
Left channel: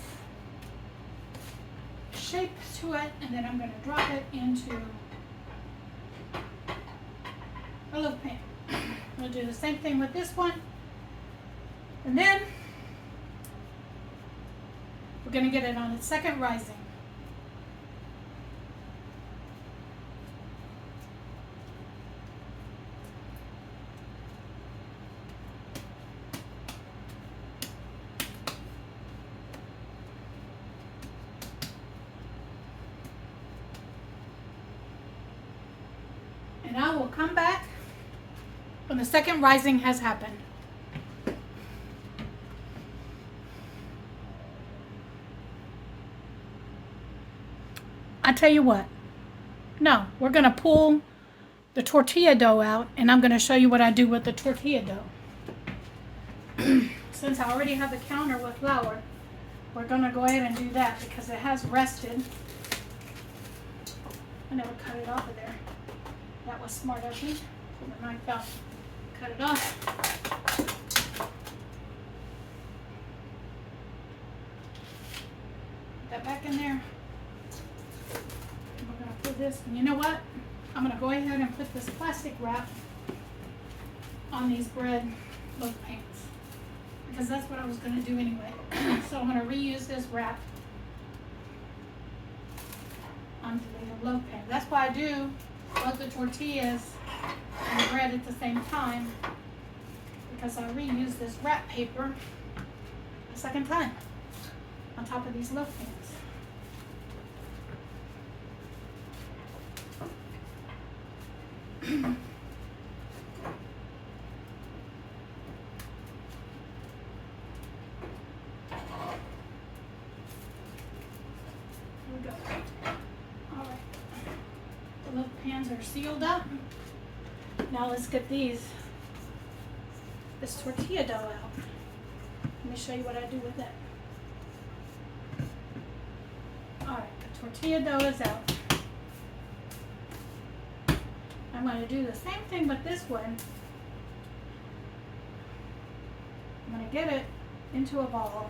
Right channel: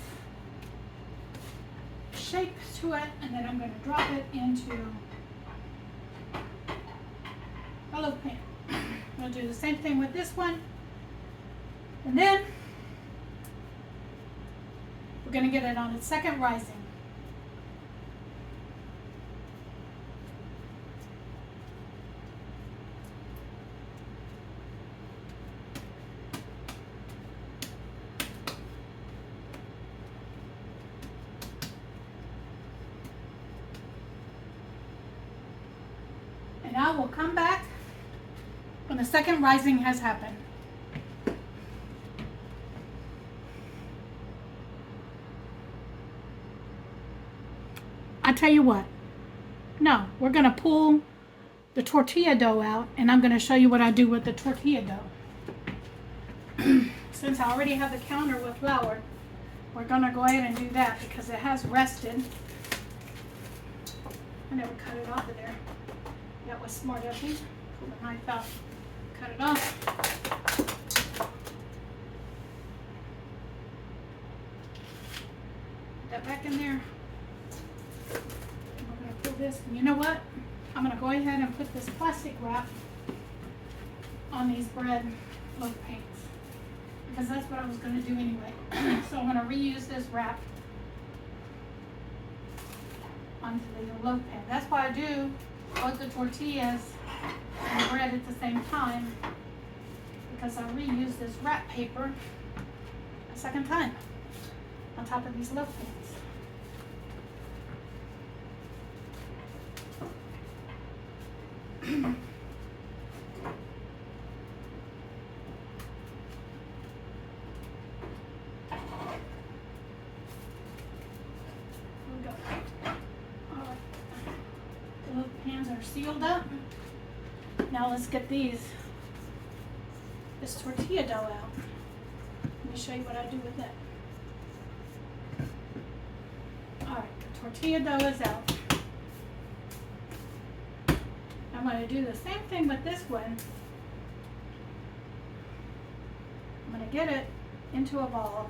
shape to it, and then I'm going to drop it into a loaf pan. I'm going to do the same thing with this one, and then we're going to get it on its second rising. And I will come back when the second rising has happened. I tell you what, no, we're going to pull the tortilla dough out, and I'm going to show you what I do with the tortilla dough. Since I already have the counter with flour, we're going to go ahead and do that because it has rested. I never cut it off of there. That was smart of me. Pull the knife out, cut it off. Put that back in there. We're going to put this, and you know what? I'm going to go ahead and put this plastic wrap on these bread loaf pans, because that's what I was going to do anyway. So I'm going to reuse this wrap onto the loaf pan. That's why I do both the tortillas and the bread at the same time, because I reuse this wrap paper a second time on top of these loaf pans. Sealed up. Now let's get this tortilla dough out. Let me show you what I do with it. Alright, the tortilla dough is out. I'm going to do the same thing with this one. I'm going to get it into a ball.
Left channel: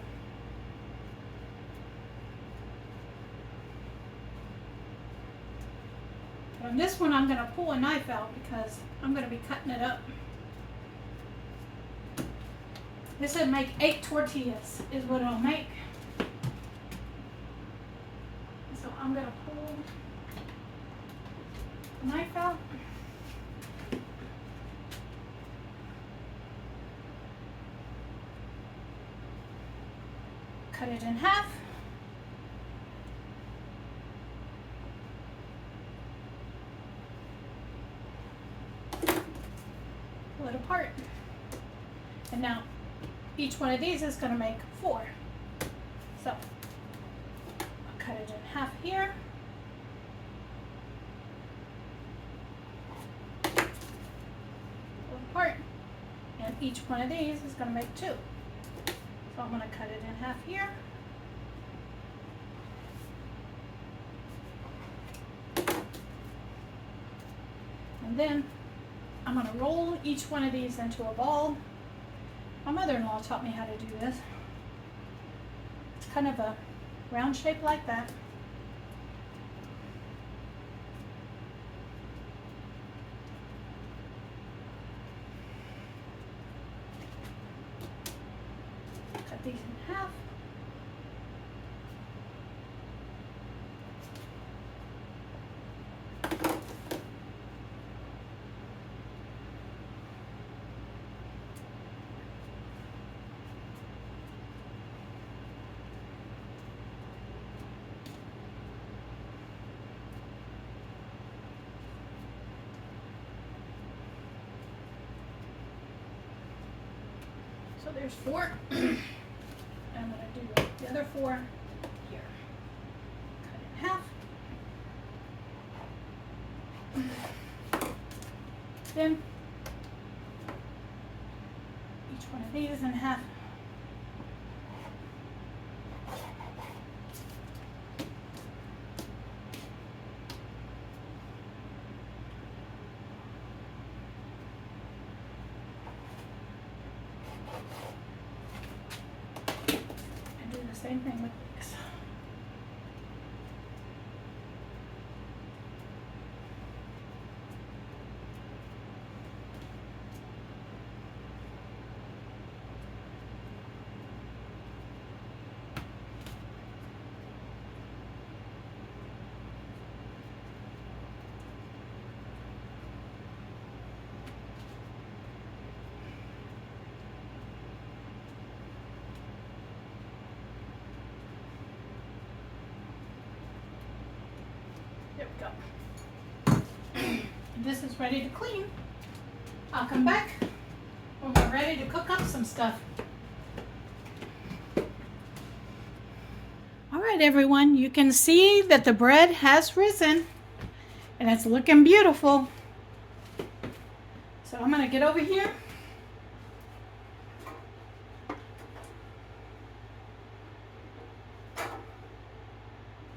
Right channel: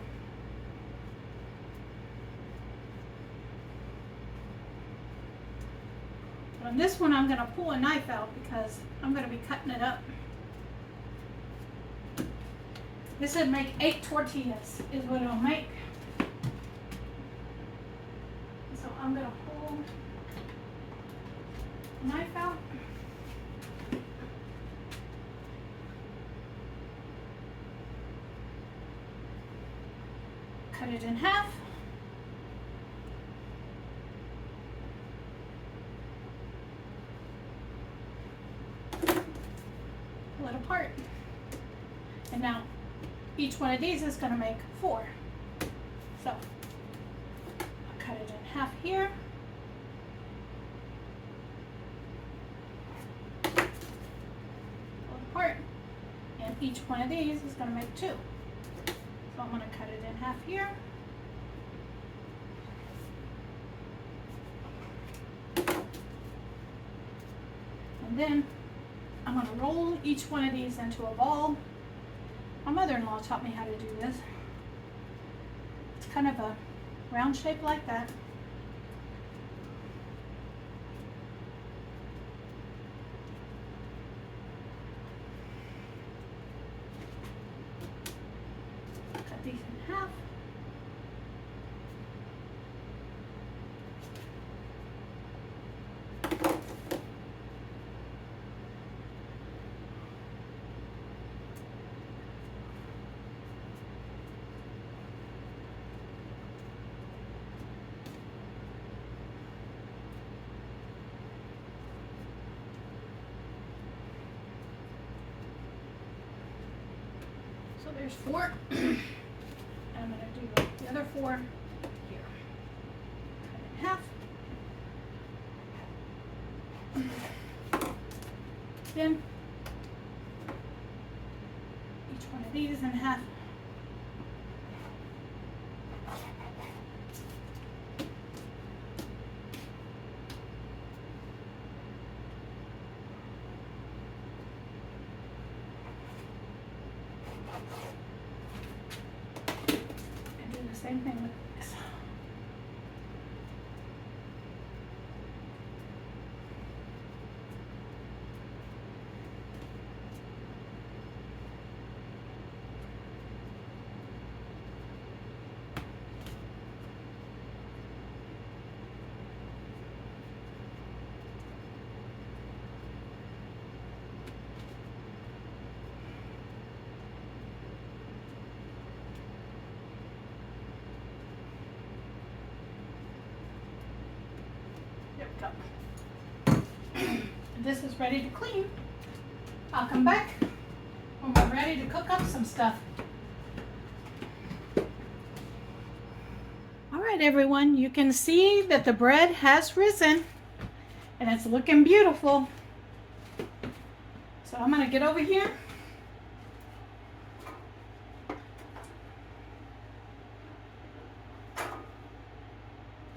On this one, I'm going to pull a knife out because I'm going to be cutting it up. This would make 8 tortillas is what it'll make. So I'm going to pull the knife out. Cut it in half. It apart, and now each one of these is going to make 4. So I'll cut it in half here, pull it apart, and each one of these is going to make 2. So I'm going to cut it in half here, and then I'm going to roll each one of these into a ball. My mother-in-law taught me how to do this. It's kind of a round shape like that. Cut these in half. there's 4. I'm going to do the other 4 here. Cut it in half. Then each one of these in half. And do the same thing with this. There we go. And this is ready to clean. I'll come back when we're ready to cook up some stuff. All right, everyone, you can see that the bread has risen and it's looking beautiful. So I'm going to get over here.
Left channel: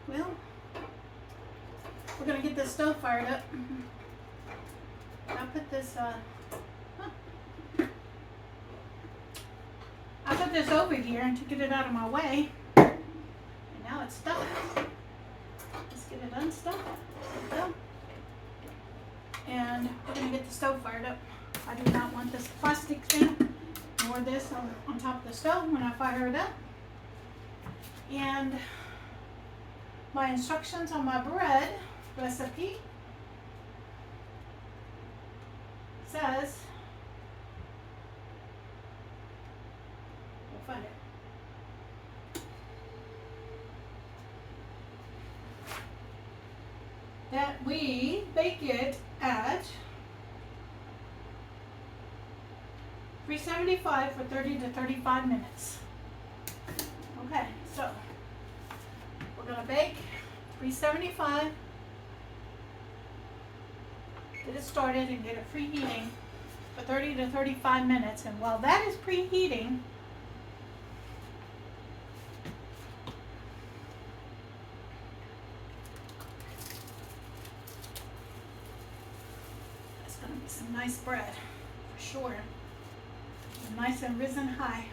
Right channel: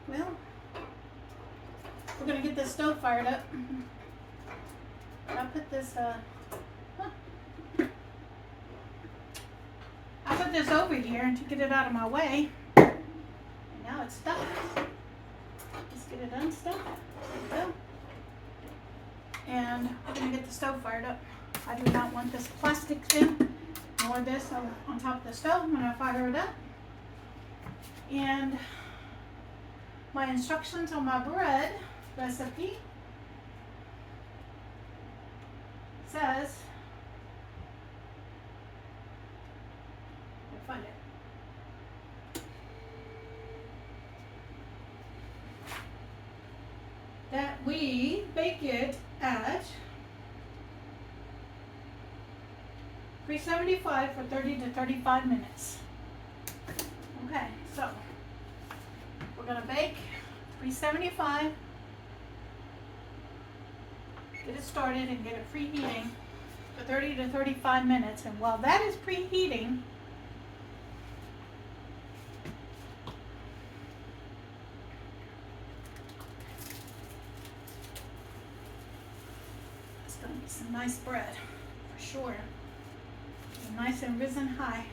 Well, we're going to get this stove fired up. I'll put this I put this over here to get it out of my way. And now it's stuck. Let's get it unstuck. There we go. And we're going to get the stove fired up. I do not want this plastic thing nor this on top of the stove when I fire it up. And my instructions on my bread recipe says, we'll find it, that we bake it at 375 for 30 to 35 minutes. Okay, so we're going to bake 375, get it started and get it preheating for 30 to 35 minutes. And while that is preheating, that's going to be some nice bread for sure. And nice and risen high.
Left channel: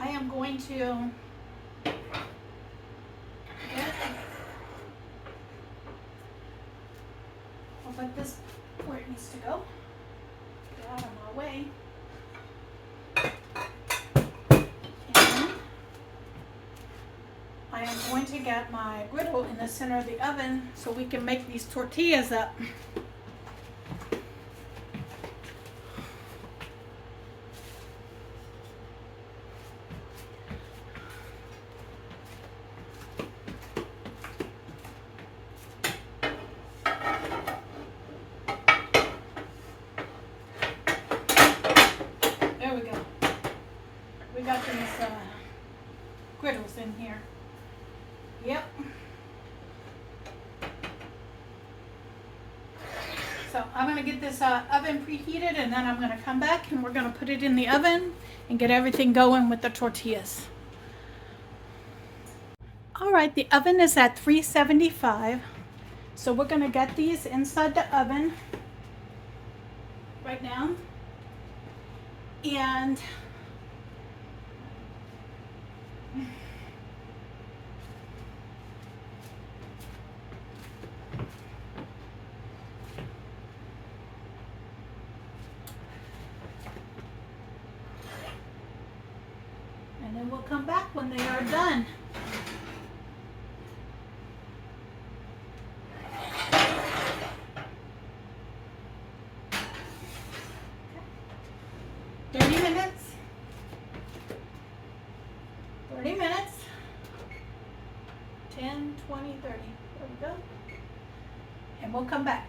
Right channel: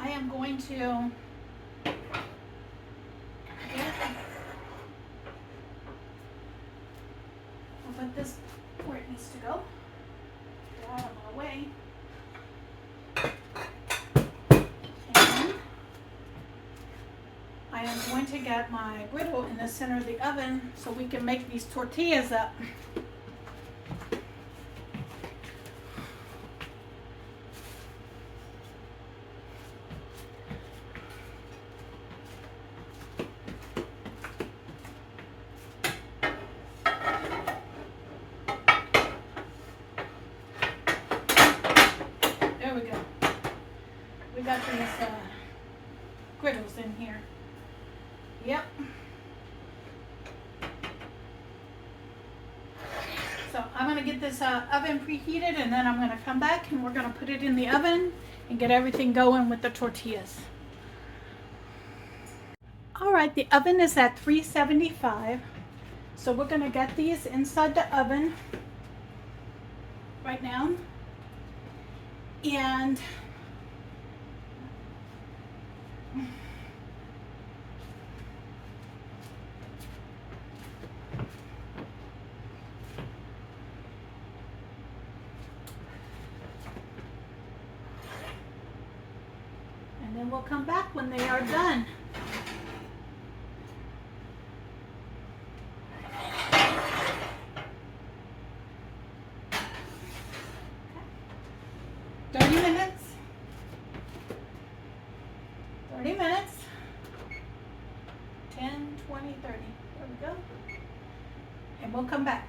I am going to I'll put this where it needs to go. Get out of my way. And I am going to get my griddle in the center of the oven so we can make these tortillas up. There we go. We got these griddles in here. Yep. So I'm going to get this oven preheated, and then I'm going to come back and we're going to put it in the oven and get everything going with the tortillas. All right, the oven is at 375. So we're going to get these inside the oven right now. And then we'll come back when they are done. Okay. 30 minutes. we'll come back.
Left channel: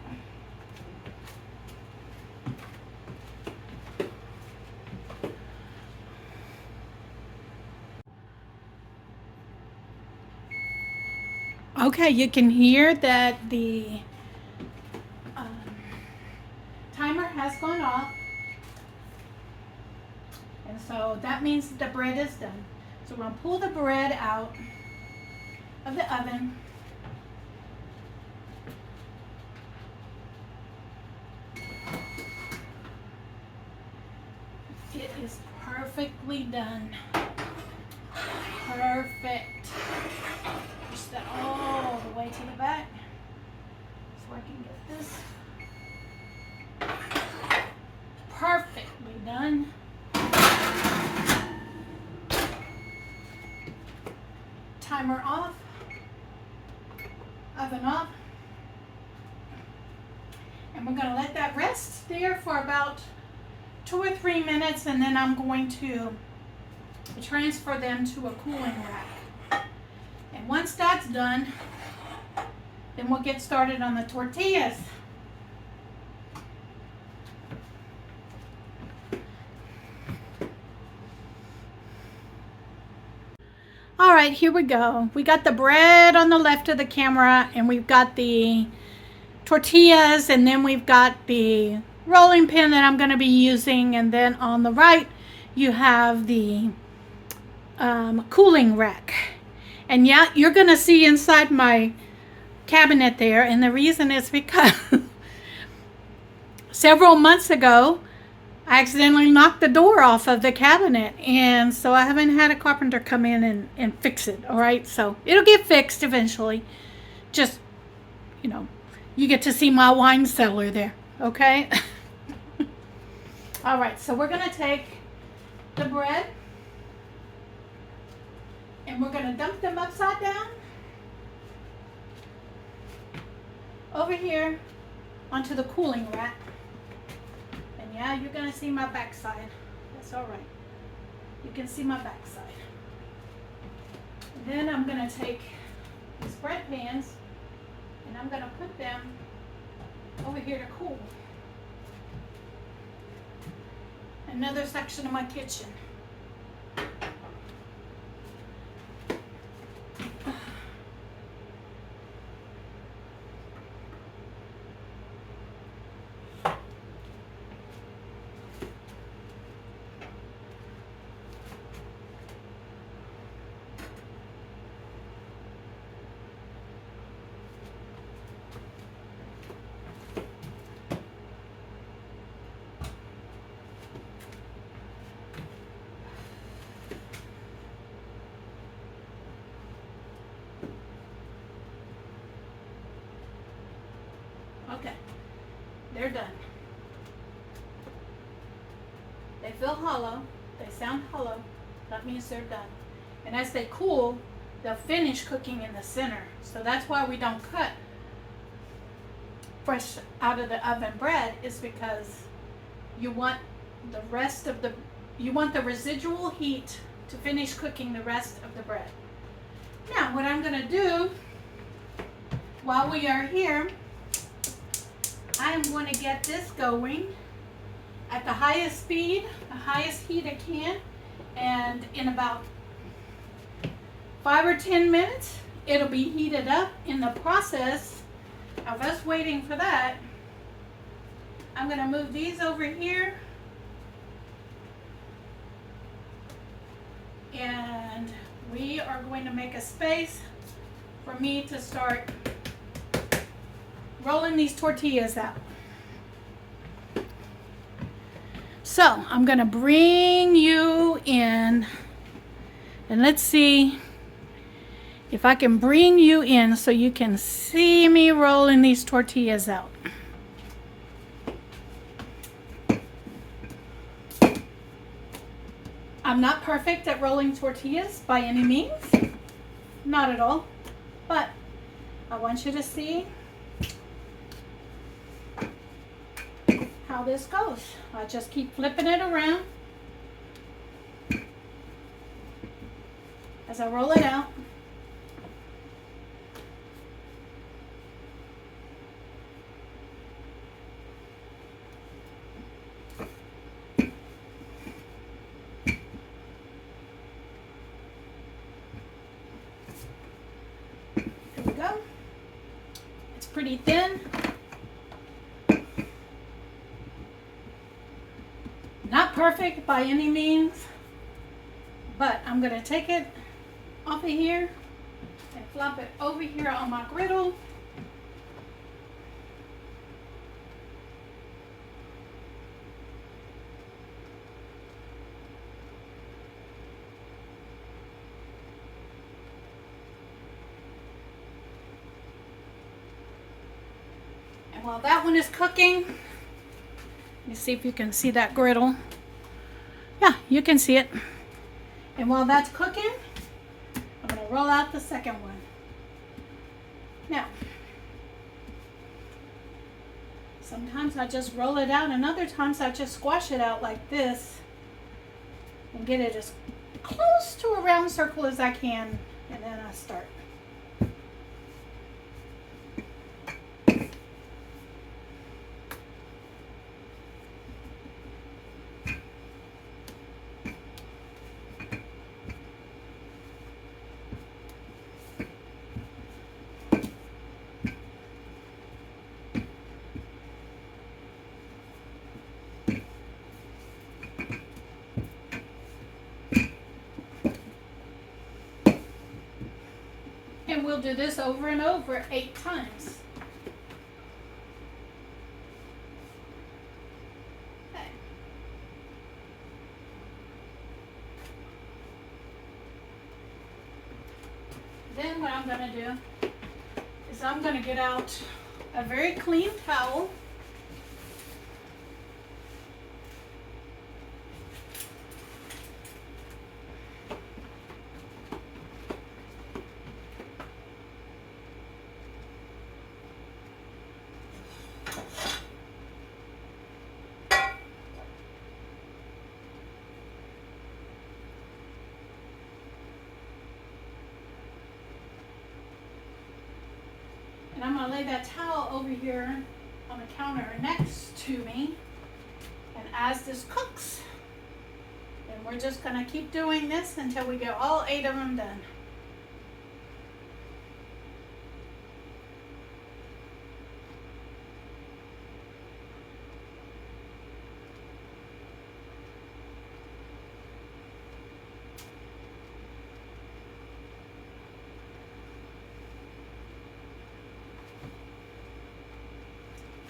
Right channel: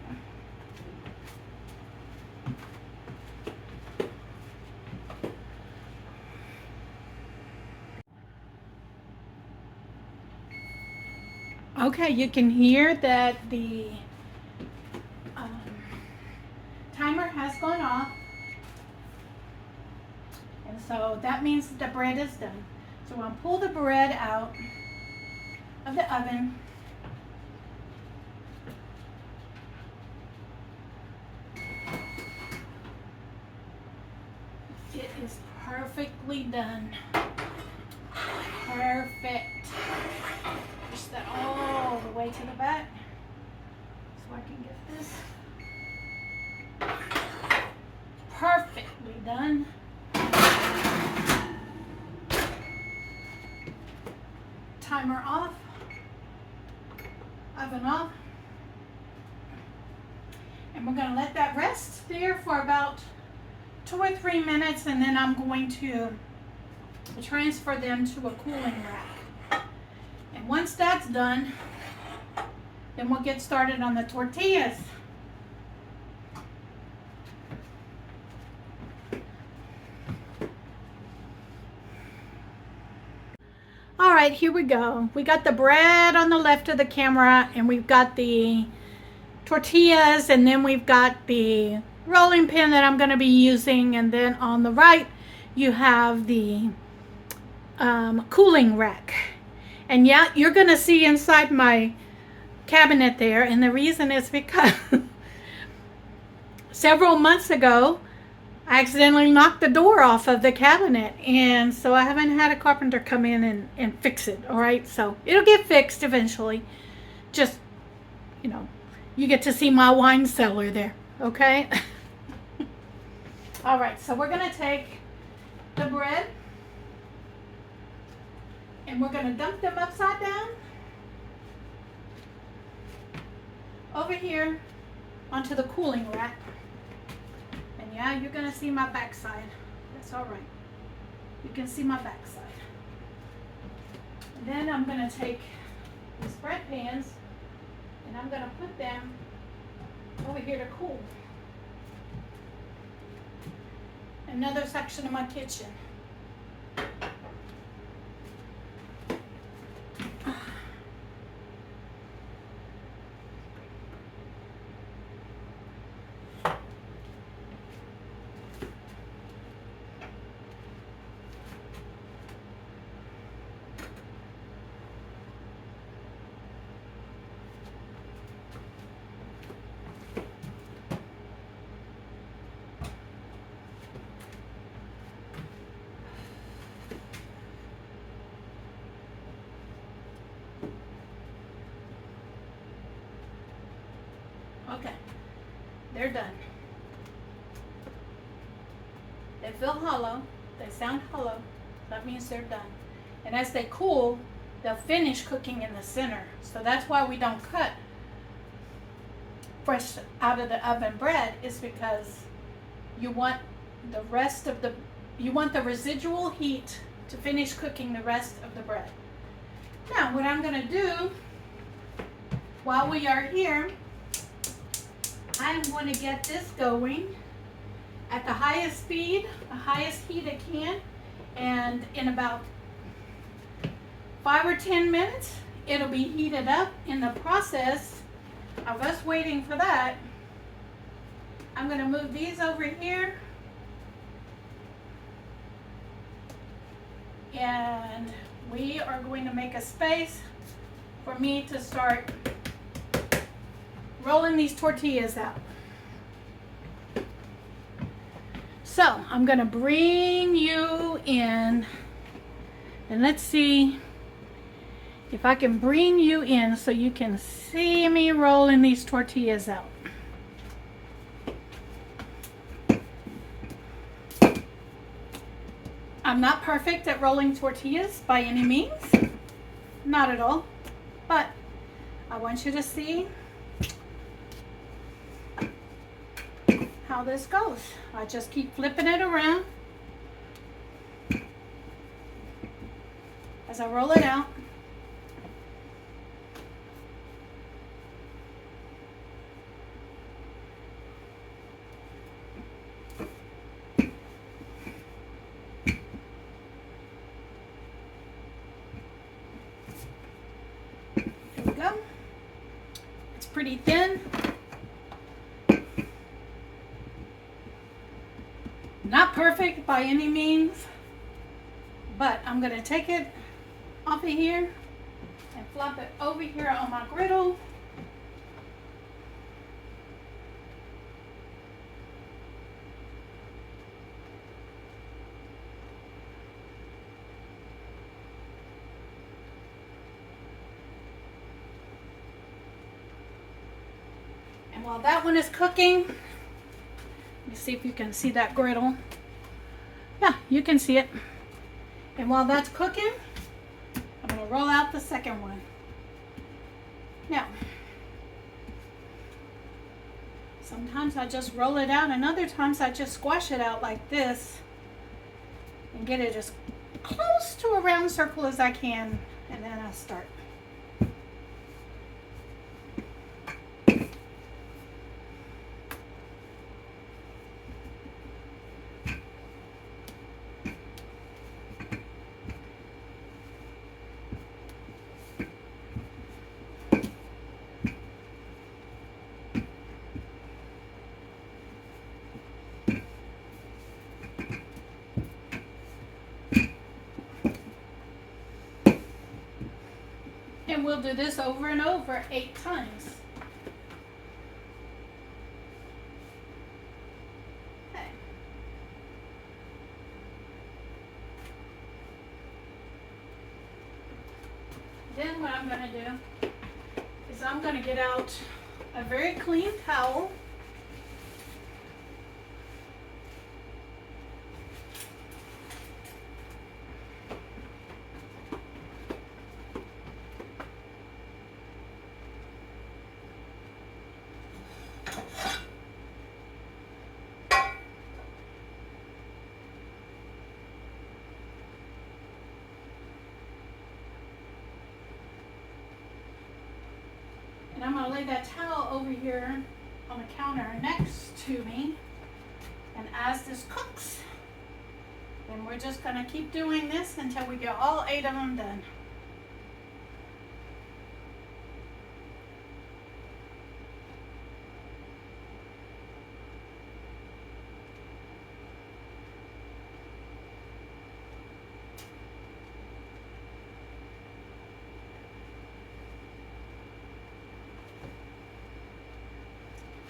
Okay, you can hear that the timer has gone off, and so that means the bread is done. So we're going to pull the bread out of the oven. It is perfectly done. Perfect. Push that all the way to the back so I can get this perfectly done. Timer off, oven off, and we're going to let that rest there for about 2 or 3 minutes, and then I'm going to transfer them to a cooling rack. And once that's done, then we'll get started on the tortillas. All right, here we go. We got the bread on the left of the camera, and we've got the tortillas, and then we've got the rolling pin that I'm going to be using, and then on the right you have the cooling rack. And yeah, you're going to see inside my cabinet there, and the reason is because several months ago I accidentally knocked the door off of the cabinet, and so I haven't had a carpenter come in and fix it. All right, so it'll get fixed eventually. Just, you know, you get to see my wine cellar there, okay? All right, so we're going to take the bread and we're going to dump them upside down over here onto the cooling rack. And yeah, you're going to see my backside. That's all right. You can see my backside. And then I'm going to take these bread pans and I'm going to put them over here to cool. Another section of my kitchen. Okay, they're done. They feel hollow, they sound hollow, that means they're done. And as they cool, they'll finish cooking in the center. So that's why we don't cut fresh out of the oven bread, is because you want the rest of the, you want the residual heat to finish cooking the rest of the bread. Now, what I'm gonna do while we are here, I'm going to get this going at the highest speed, the highest heat I can, and in about 5 or 10 minutes, it'll be heated up. In the process of us waiting for that, I'm going to move these over here, and we are going to make a space for me to start rolling these tortillas out. So I'm gonna bring you in, and let's see if I can bring you in so you can see me rolling these tortillas out. I'm not perfect at rolling tortillas by any means, not at all, but I want you to see how this goes. I just keep flipping it around as I roll it out. pretty thin. Not perfect by any means, but I'm going to take it off of here and flop it over here on my griddle. And while that one is cooking, let me see if you can see that griddle. Yeah, you can see it. And while that's cooking, I'm going to roll out the second one. Now, sometimes I just roll it out, and other times I just squash it out like this and get it as close to a round circle as I can, and then I start. And we'll do this over and over 8 times. Okay. Then what I'm going to do is I'm going to get out a very clean towel. And I'm going to lay that towel over here on the counter next to me. And as this cooks, then we're just going to keep doing this until we get all 8 of them done.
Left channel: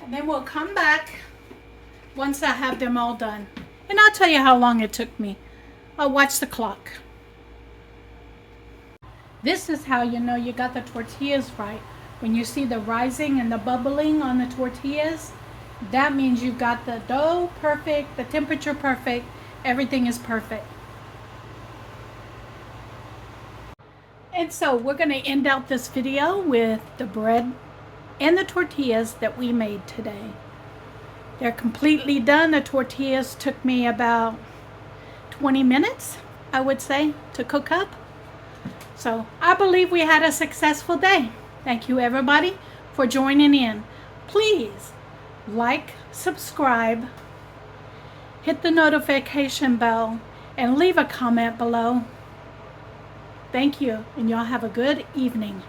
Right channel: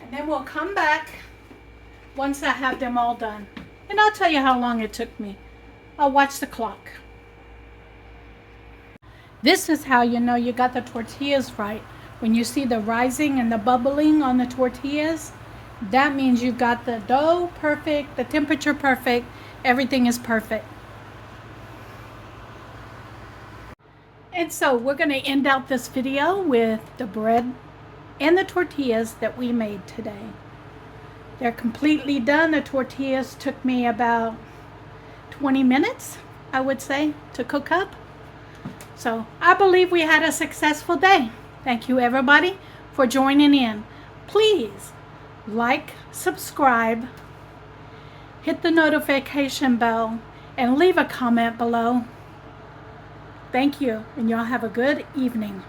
And then we'll come back once I have them all done. And I'll tell you how long it took me. I'll watch the clock. This is how you know you got the tortillas right. When you see the rising and the bubbling on the tortillas, that means you've got the dough perfect, the temperature perfect, everything is perfect. And so we're going to end out this video with the bread and the tortillas that we made today. They're completely done. The tortillas took me about 20 minutes, I would say, to cook up. So I believe we had a successful day. Thank you everybody for joining in. Please like, subscribe, hit the notification bell, and leave a comment below. Thank you, and y'all have a good evening.